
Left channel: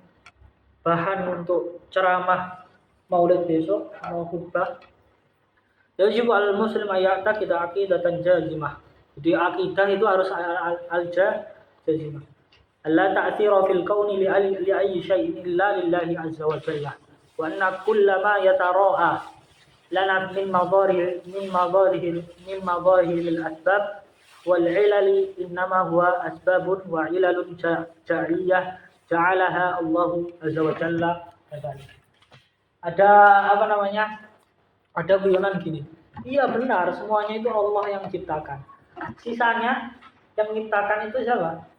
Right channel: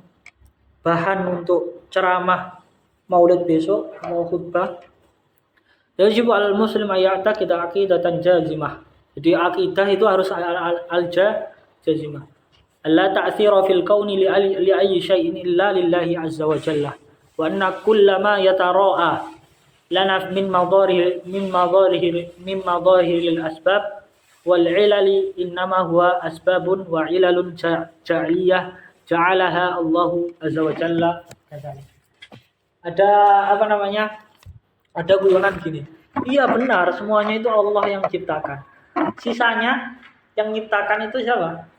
bahan untuk ceramah Maulid besok, mau khutbah. Yajibu al-muslim ayya'taqida aqidatan jazimah. Jadi akidah itu harus al-jazimah. Allah ta'thira fil kauni li ayyi syai'in illa lillahi azza wa jalla. Wa anna kullama yatara'a lana min madahiril asbab wal ilali innama huwa asbabun wa ilalun ja'liyah ja'alaha Allahu azza wa jalla. Ada apa namanya? Ada guyonan gini. Iya benar, semuanya itu Allah yang ciptakan. Sisanya yang menciptakan itu siapa?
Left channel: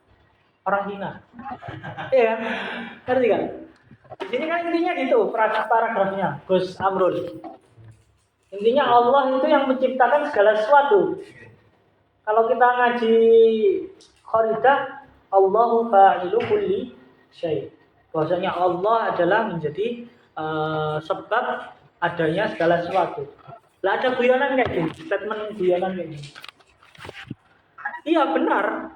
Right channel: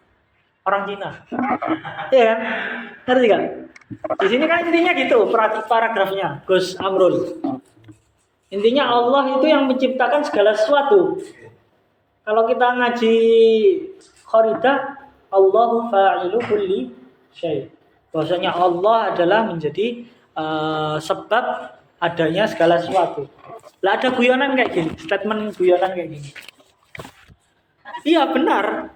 Orang Cina. Iya kan? Ngerti kan? Di sini kan intinya gitu, paragrafnya Gus Amrul. Intinya Allah itu yang menciptakan segala sesuatu. Kalau kita ngaji Kharidah, Allahu fa'ilu kulli syai'. Bahwasanya Allah adalah menjadi sebab adanya segala sesuatu. Lah ada guyonan kayak gini, statement guyonan kayak gini. Iya benar,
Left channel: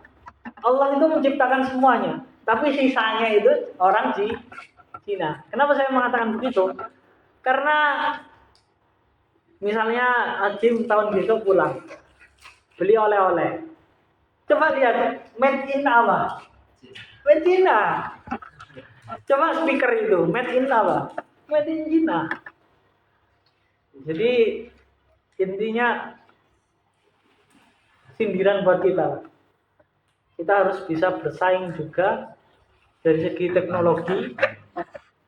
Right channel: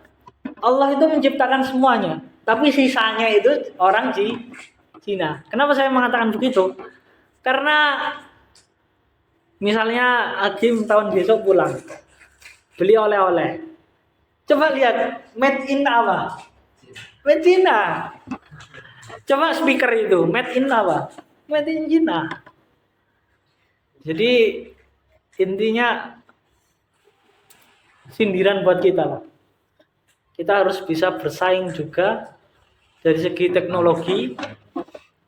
Allah itu menciptakan semuanya, tapi sisanya itu orang Cina. Kenapa saya mengatakan begitu? Karena misalnya Hakim tahun besok pulang, beli oleh-oleh. Coba lihat, made in apa? Made Cina. Coba speaker itu, made in apa? Made in Cina. Jadi intinya sindiran buat kita. Kita harus bisa bersaing juga dari segi teknologi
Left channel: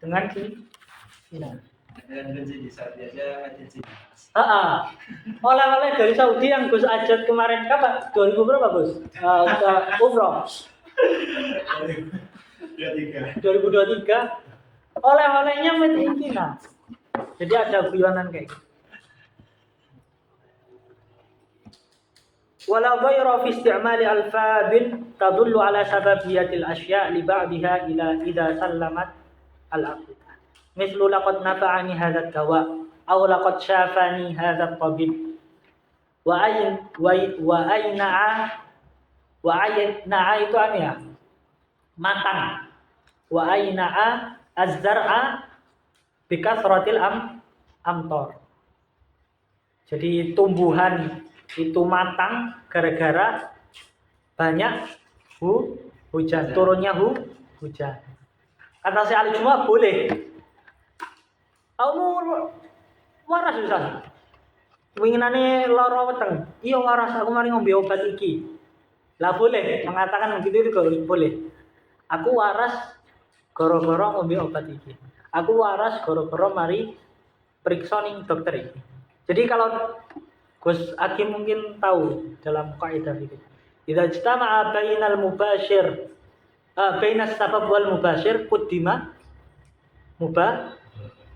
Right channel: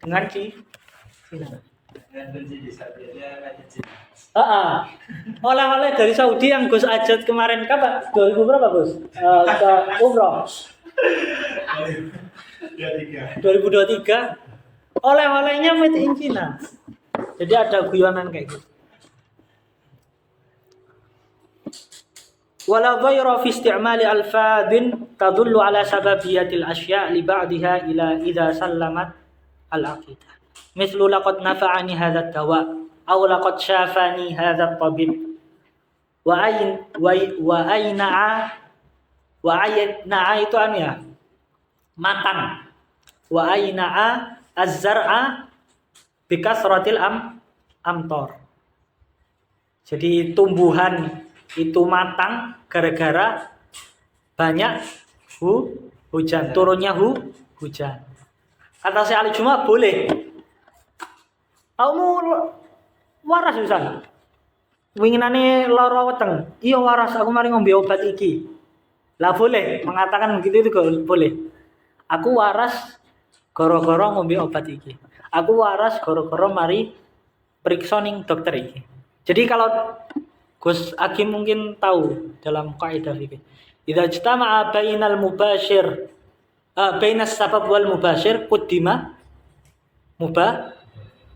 dengan Cina. Oleh-oleh dari Saudi yang Gus Ajat kemarin kapan? 2000 berapa Gus? Ke umroh. 2023. Oleh-olehnya made in China. Jadi ada guyonan kayak gitu. Wala ghayra fi isti'mali alfadhin tadullu ala sababiyatil asya' li ba'dihha ila idza sallamat al-aqidah. Mislu laqad nafa'ani hadha ad-dawa aw laqad syafani hadha at-tabib. Wa ayna'a itu ya matang. Wa ayna'a az-zar'a bi kasratil amtor. Jadi tumbuhan itu matang gara-gara banyak hujan, turunnya hujan. Kata si Ali Juma boleh. Kamu waras Ustaz. Winginane lara weteng. Iya waras, aku mari ngombe obat iki. Lah boleh mengatakan begitu itu boleh. Aku waras gara-gara ngombe obat iki. Aku waras gara-gara mari periksa ning dokter iki. Jadi kalau Gus Hakim mungkin tahu dalam kaidah fikih. Idza ijtama'a bainal mubashir bainas sabab wal mubashir quddima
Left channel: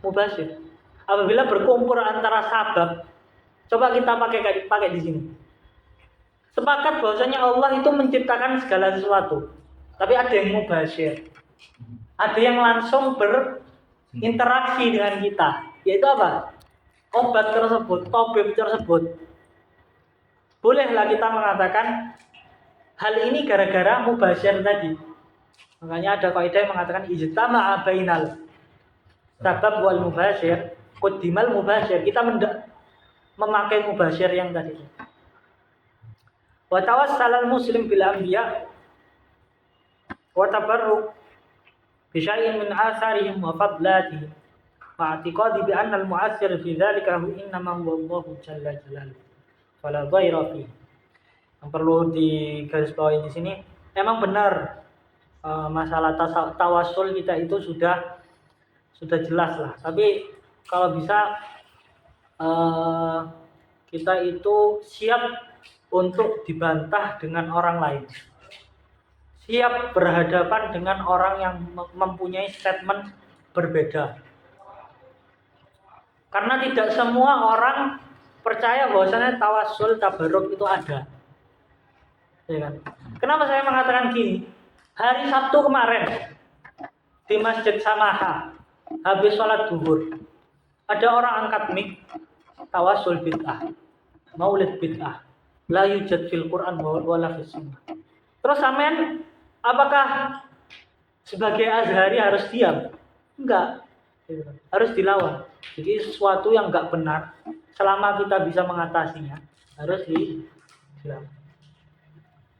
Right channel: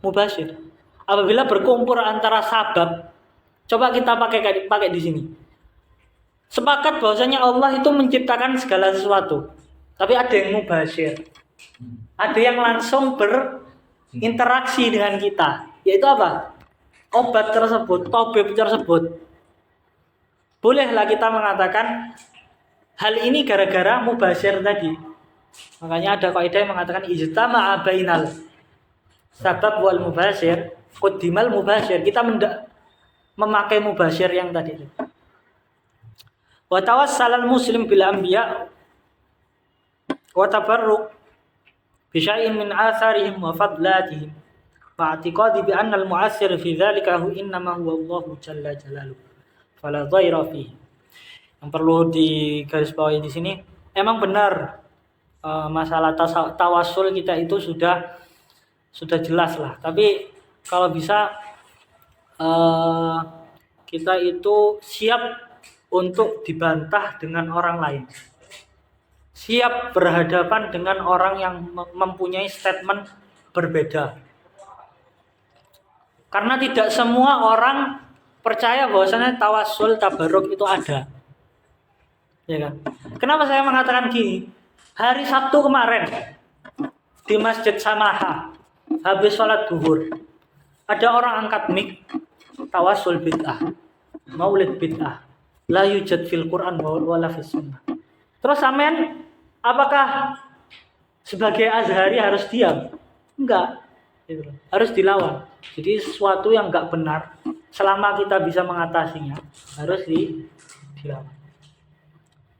mubashir. Apabila berkumpul antara sabab, coba kita pakai di sini. Sepakat bahwasanya Allah itu menciptakan segala sesuatu. Tapi ada yang mubashir. Ada yang langsung berinteraksi dengan kita. Yaitu apa? Obat tersebut, tabib tersebut. Bolehlah kita mengatakan hal ini gara-gara mubashir tadi. Makanya ada kaidah yang mengatakan ijtama'a bainal sabab wal mubashir, quddimal mubashir. Kita memakai mubashir yang tadi. Wa tawassalal muslim bil anbiya wa tabarruk bi syai'in min atharihim wa fadlatihim. Fa'atiqadi bi anna al-mu'assir fi dzalika hu innama huwa Allahu jalla jalaluhu fala dhaira fihi. Yang perlu digarisbawahi di sini, emang benar masalah tawasul kita itu sudah jelas lah. Tapi kalau bisa kita itu siap untuk dibantah dengan orang lain, siap berhadapan dengan orang yang mempunyai statement berbeda. Karena tidak semua orang percaya bahwasanya tawasul tabarruk itu ada. Ya kan? Kenapa saya mengatakan gini? Hari Sabtu kemarin di Masjid Samaha habis sholat zuhur ada orang angkat mic tawasul bid'ah, maulid bid'ah, la yujad fil Quran wala fis sunnah. Terus amen, apakah sebagai Azhari harus diam? Enggak, harus dilawan. Jadi sesuatu yang enggak benar, selama kita bisa mengatasinya, harus dilawan.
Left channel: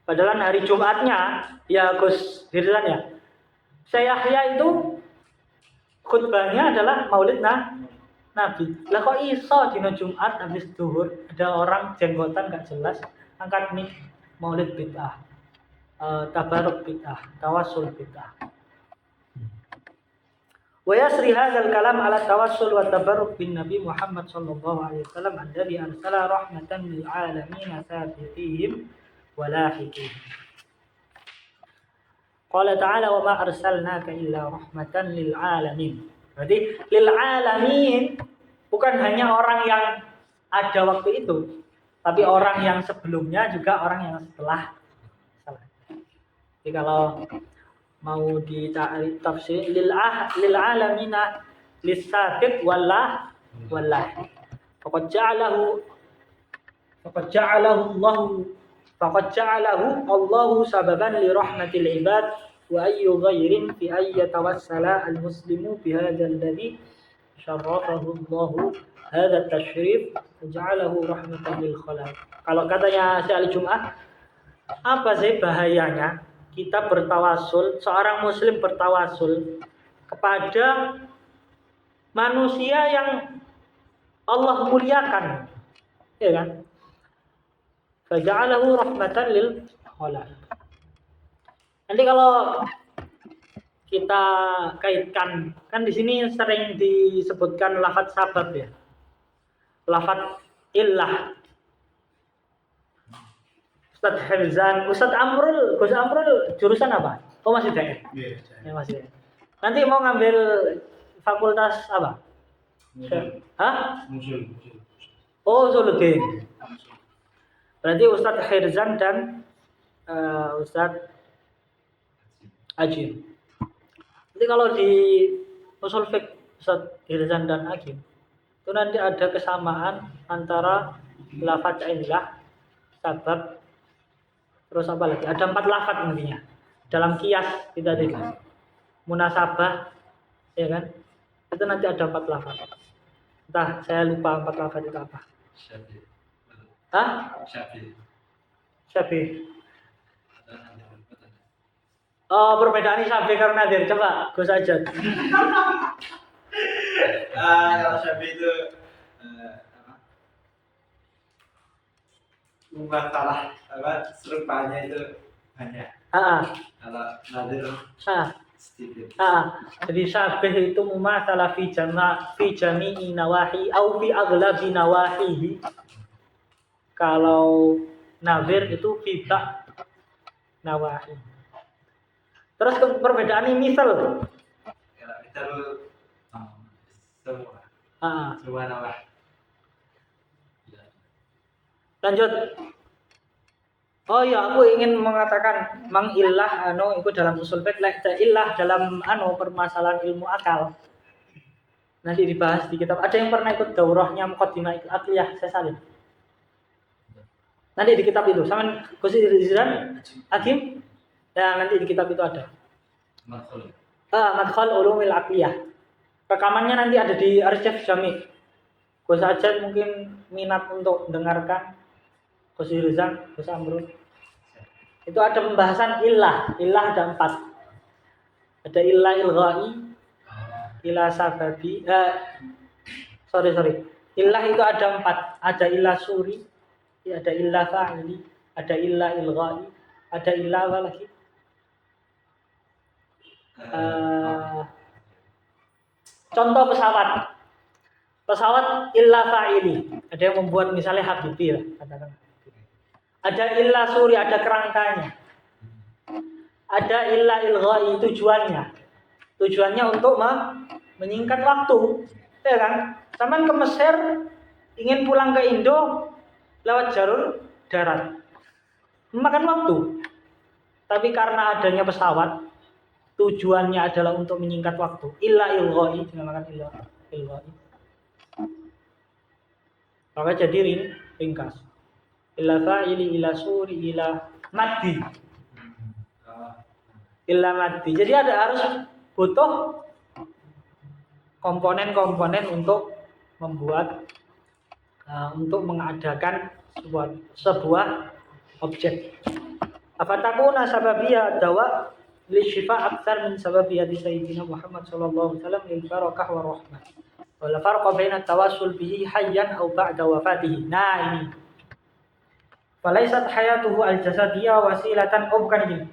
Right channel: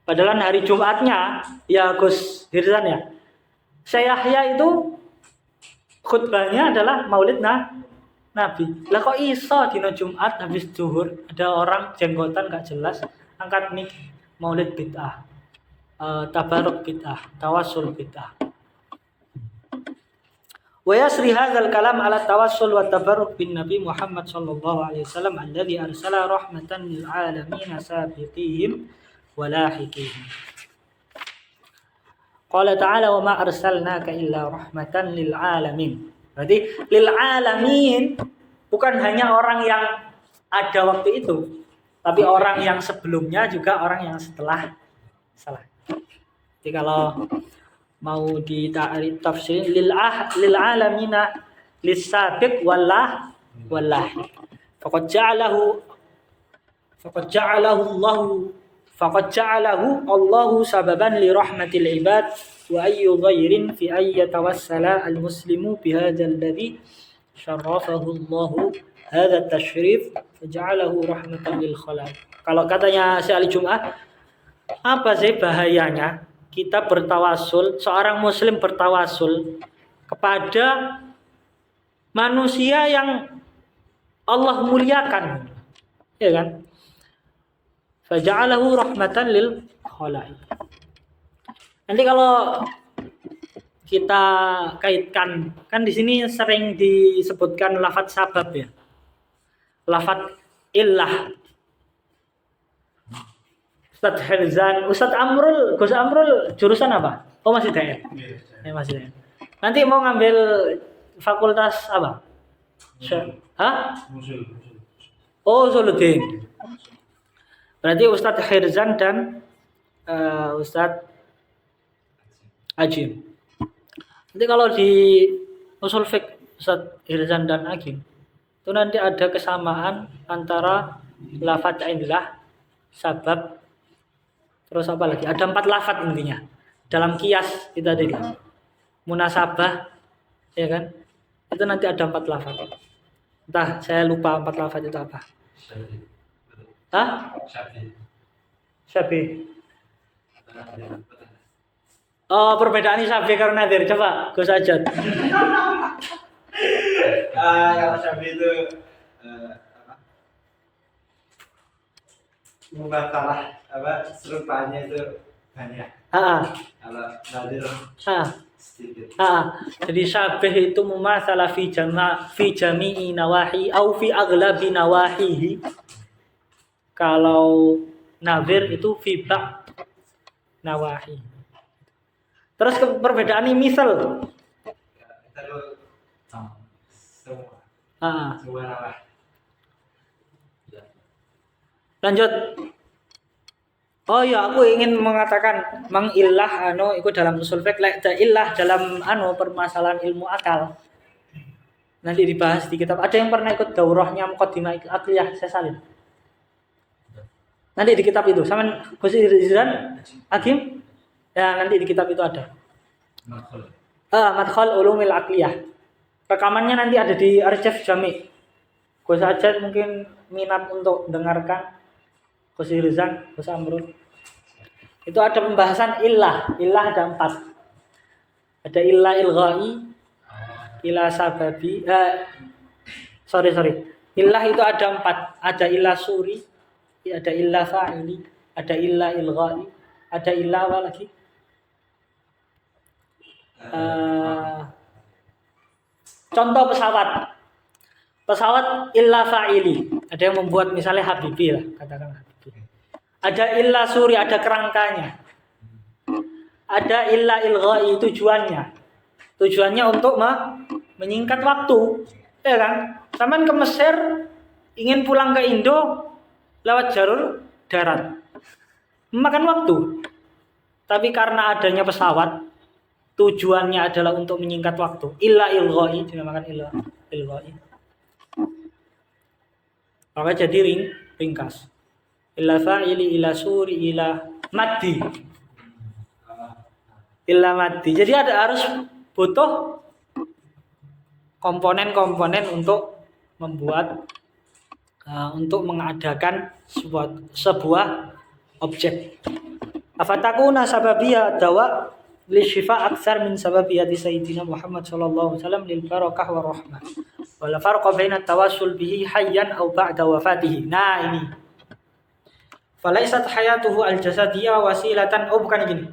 Padahal hari Jumatnya, ya Gus Hirzan ya, Syekh Yahya itu khutbahnya adalah maulid Nabi. Lah kok iso dina Jumat habis zuhur ada orang jenggotan gak jelas angkat mic maulid bid'ah, tabarruk bid'ah, tawassul bid'ah. Wa yasri hadzal kalam ala tawassul wa tabarruk bin Nabi Muhammad sallallahu alaihi wasallam alladhi arsala rahmatan lil alamin sabiqihim wa lahiqihim. Qala ta'ala wa ma arsalnaka illa rahmatan lil alamin. Berarti lil alamin bukan hanya orang yang ada waktu itu, tapi orang yang sebelumnya juga orang yang setelah. Jadi kalau mau ditafsir lil alamina lis-sabiq wallah faqad ja'alahu Allahu sababan li rahmatil ibad wa ayyu ghairin fi ayyi tawassala al-muslimu bihadzal ladzi syarrafahu Allahu hadza tashrif faja'alahu rahmatan lil khalaq. Kalau katanya Syekh Al-Jum'ah, apa sih bahayanya kita bertawasul, seorang muslim bertawasul kepada manusia yang Allah muliakan, ya kan? Faja'alahu rahmatan lil khalaiq. Nanti kalau kita kaitkan, kan di sini sering disebutkan lafadz sabab ya. Lafadz illah. Ustaz Hirzan, Ustaz Amrul, Gus Amrul jurusan apa? Oh masih DM. Ya masih DM. Nanti mau ngambil fakultas apa? Hah? Musul. Oh, Suluddin. Berarti Ustadz Hirzan dan Ustadz Ajim. Nanti kalau di usul fiqh Ustadz Hirzan dan Ajim itu nanti ada kesamaan antara lafadz illah, sabab, terus apa lagi? Ada 4 lafadz intinya. Dalam kias kita ada munasabah, ya kan? Itu nanti ada 4 lafadz. Entah saya lupa 4 lafadz itu apa. Hah? Syabi. Oh, perbedaan Syabi karena nadir. Coba Gus Ajat. Kalau Syabi itu mubakalah, serupanya itu banyak. Kalau nadir sedikit. Jadi Syabih itu mumatsalah fi jami'i nawahi au fi aghlabi nawahihi. Kalau nazir itu fi ba' nawahi. Terus perbedaan ini misal. Kita semua. Semua nawah. Lanjut. Oh ya, aku ingin mengatakan mengillah itu dalam usul fiqh, illah dalam permasalahan ilmu akal. Nanti dibahas di kitab. Ada yang pernah ikut daurahnya Muqaddimah Aqliyah saya salin. Nanti di kitab itu, sama Gus Hirzan, Hakim, ya nanti di kitab itu ada. Madkhal Ulumil Aqliyah. Rekamannya nanti ada di Archive Jami. Gus Ajat mungkin minat untuk mendengarkan. Gus Hirzan, Gus Amrul. Itu ada pembahasan illah ada 4. Ada illah ilghai, illah sababi. Sorry. Illah itu ada 4. Ada illah suri, ada illah fa'ili, ada illah ilghai, ada illah apa lagi? Contoh pesawat illa fa'ili, ada yang membuat misalnya Habibi lah, katakan Habibi. Ada illa suri, ada kerangkanya. Ada illa ilghai, tujuannya untuk menyingkat waktu, ya kan? Sampai ke Mesir ingin pulang ke Indo lewat jalur darat, memakan waktu. Tapi karena adanya pesawat, tujuannya adalah untuk menyingkat waktu. Illa ilghai, dinamakan illa ilghai. Maka jadi ringkas. Illa fa'ili, illa suri, illa maddi. Illa maddi. Jadi harus butuh komponen-komponen untuk membuat untuk mengadakan sebuah objek. Afatakuna sababiyya dawa li syifa aktsar min sababiyyati sayyidina Muhammad sallallahu alaihi wasallam lil barakah wa rahmah. Wala farqa baina tawassul bihi hayyan aw ba'da wafatihi. Nah ini. Falaisat hayatuhu al-jasadiyah wasilatan. Oh bukan ini.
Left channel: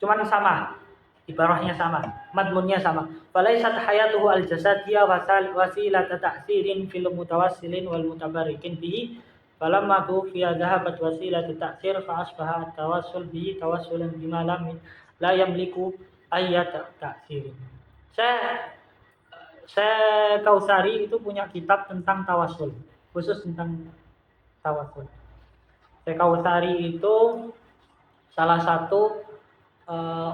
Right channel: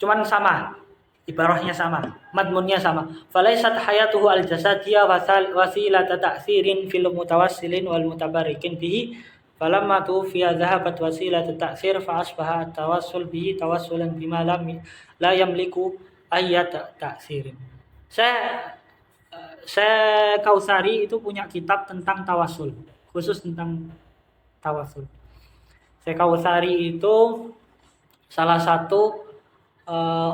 Cuman sama. Ibarahnya sama, madmunnya sama. Falaisat hayatuhu al-jasadiyah wasilata ta'sirin fil mutawassilin wal mutabarikin bihi. Falamma tufiya dhahabat wasilatu ta'sir fa asbaha at-tawassul bihi tawassulan bima la yamliku ayyat ta'sirin. Saya Kautsari itu punya kitab tentang tawassul, khusus tentang tawassul. Saya Kautsari itu salah satu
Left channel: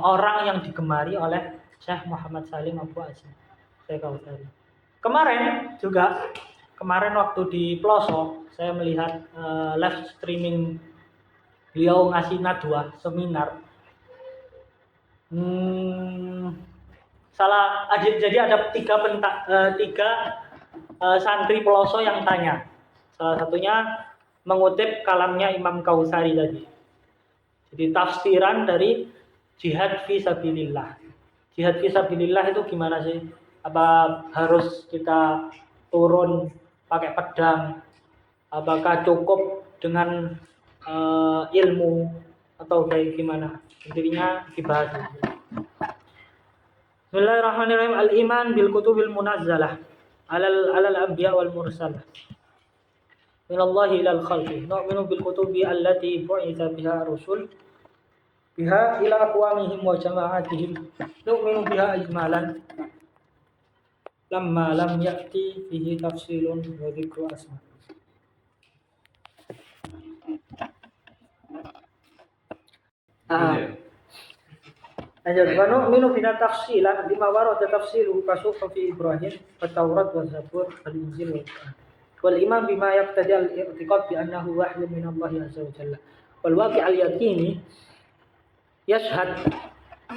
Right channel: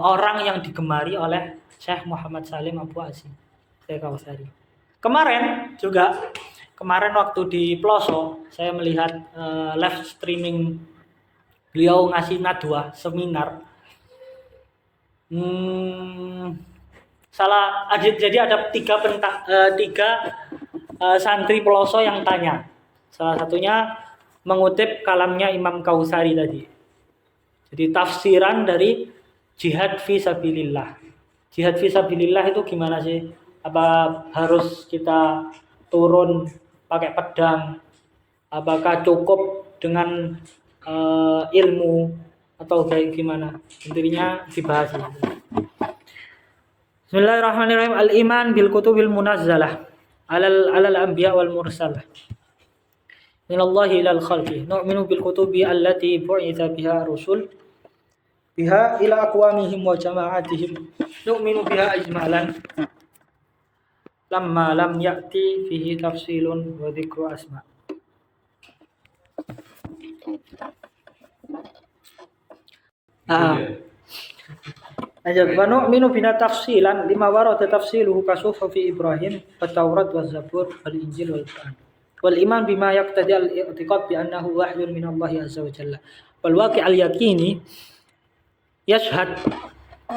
orang yang digemari oleh Syekh Muhammad Salim Abu Asim. Saya Kautsari. Kemarin waktu di Ploso saya melihat live streaming beliau ngasih nadwa seminar. Jadi ada tiga santri Peloso yang tanya. Salah satunya mengutip kalamnya Imam Kautsari tadi. Jadi tafsiran dari jihad fi sabilillah. Jihad fi sabilillah itu gimana sih? Apa harus kita turun pakai pedang? Apakah cukup dengan ilmu atau kayak gimana? Intinya dibahas. Bismillahirrahmanirrahim. Al-iman bil kutubil munazzalah alal anbiya wal mursalah min Allah ila al-khalqi. Nu'minu bil kutubi allati bu'itha biha rusul biha ila aqwamihim wa jama'atihim. Nu'minu biha ijmalan lamma lam ya'ti fihi tafsilun wa dhikru asma. Ajab wa nu'minu bina tafsilan lima warada tafsiluhu kasufa fi Ibrahim wa Taurat wa Zabur wal Injil wal Quran. Wal iman bima yaqtadi al-i'tiqad bi annahu wahyun min Allah azza wa jalla. Wal waqi' al-yaqini yashhad.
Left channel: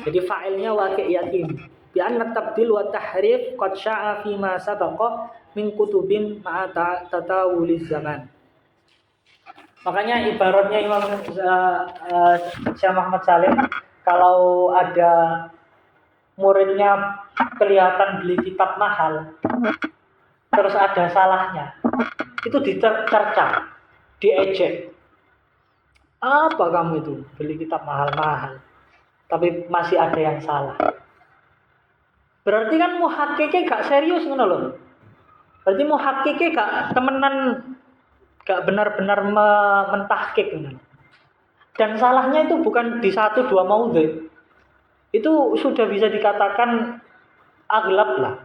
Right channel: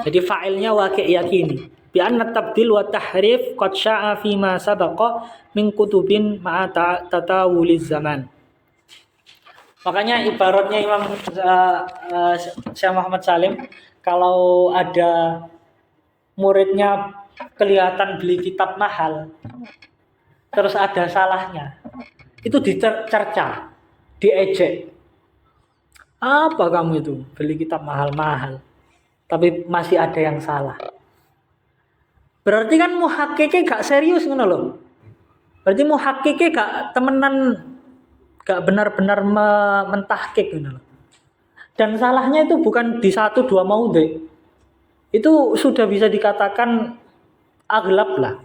Jadi fa'ilnya waqi' yaqini. Bi anna tabdil wa tahrif qad sya'a fi ma sabaqa min kutubin ma'a tatawuliz zaman. Makanya ibaratnya Imam Syekh Muhammad Salim, kalau ada muridnya kelihatan beli kitab mahal, terus ada salahnya, itu dicerca, diejek. Apa kamu itu beli kitab mahal-mahal, tapi masih ada yang salah? Berarti kan muhakkike gak serius ngono lho. Berarti muhakkike gak temenan, gak benar-benar mentahkik ngono lho. Dan salahnya itu bukan di 1-2 maudhi. Itu sudah bisa dikatakan aglab lah.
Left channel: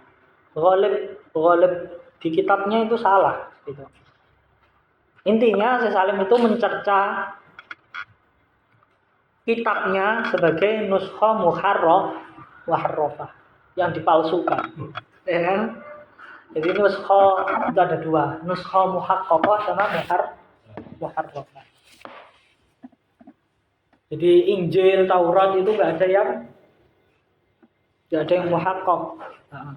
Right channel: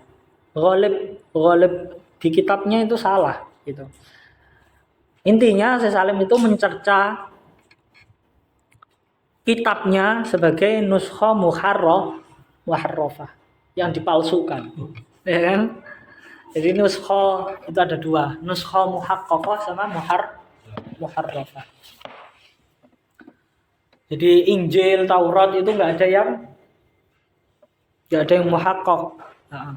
Ghalib di kitabnya itu salah gitu. Intinya Syekh Salim itu mencerca kitabnya sebagai nuskha muharrafah yang dipalsukan. Ya kan? Jadi nuskha itu ada 2, nuskha muhaqqaqah sama muharrafah. Jadi Injil, Taurat itu enggak ada yang muhaqqaq. Nah,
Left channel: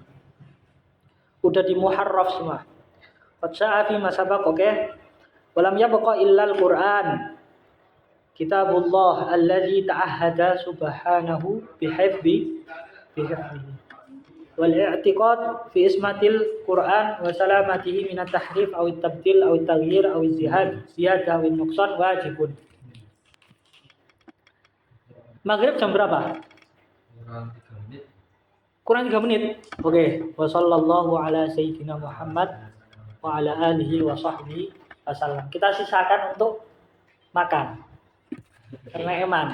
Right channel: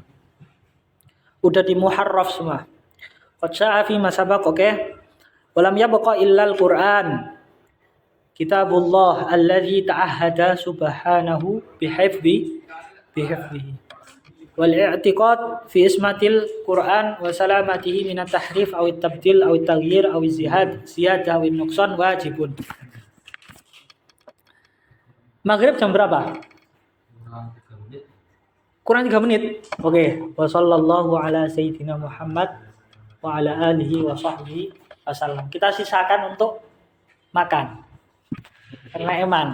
udah di muharraf semua. Qad sya'a fi ma sabaq, oke. Walam yabqa illa al-Qur'an. Kitabullah alladzi ta'ahhada subhanahu bihifdhihi. Wal i'tiqad fi ismatil Qur'an wa salamatihi min at-tahrif aw at-tabdil aw at-taghyir aw az-ziyadah aw an-nuqsan wajibun. Maghrib jam berapa? Kurang 3 menit. Oke. Wassallallahu ala sayyidina Muhammad wa ala alihi wa sahbihi wasallam. Kita sisakan untuk makan. Karena eman.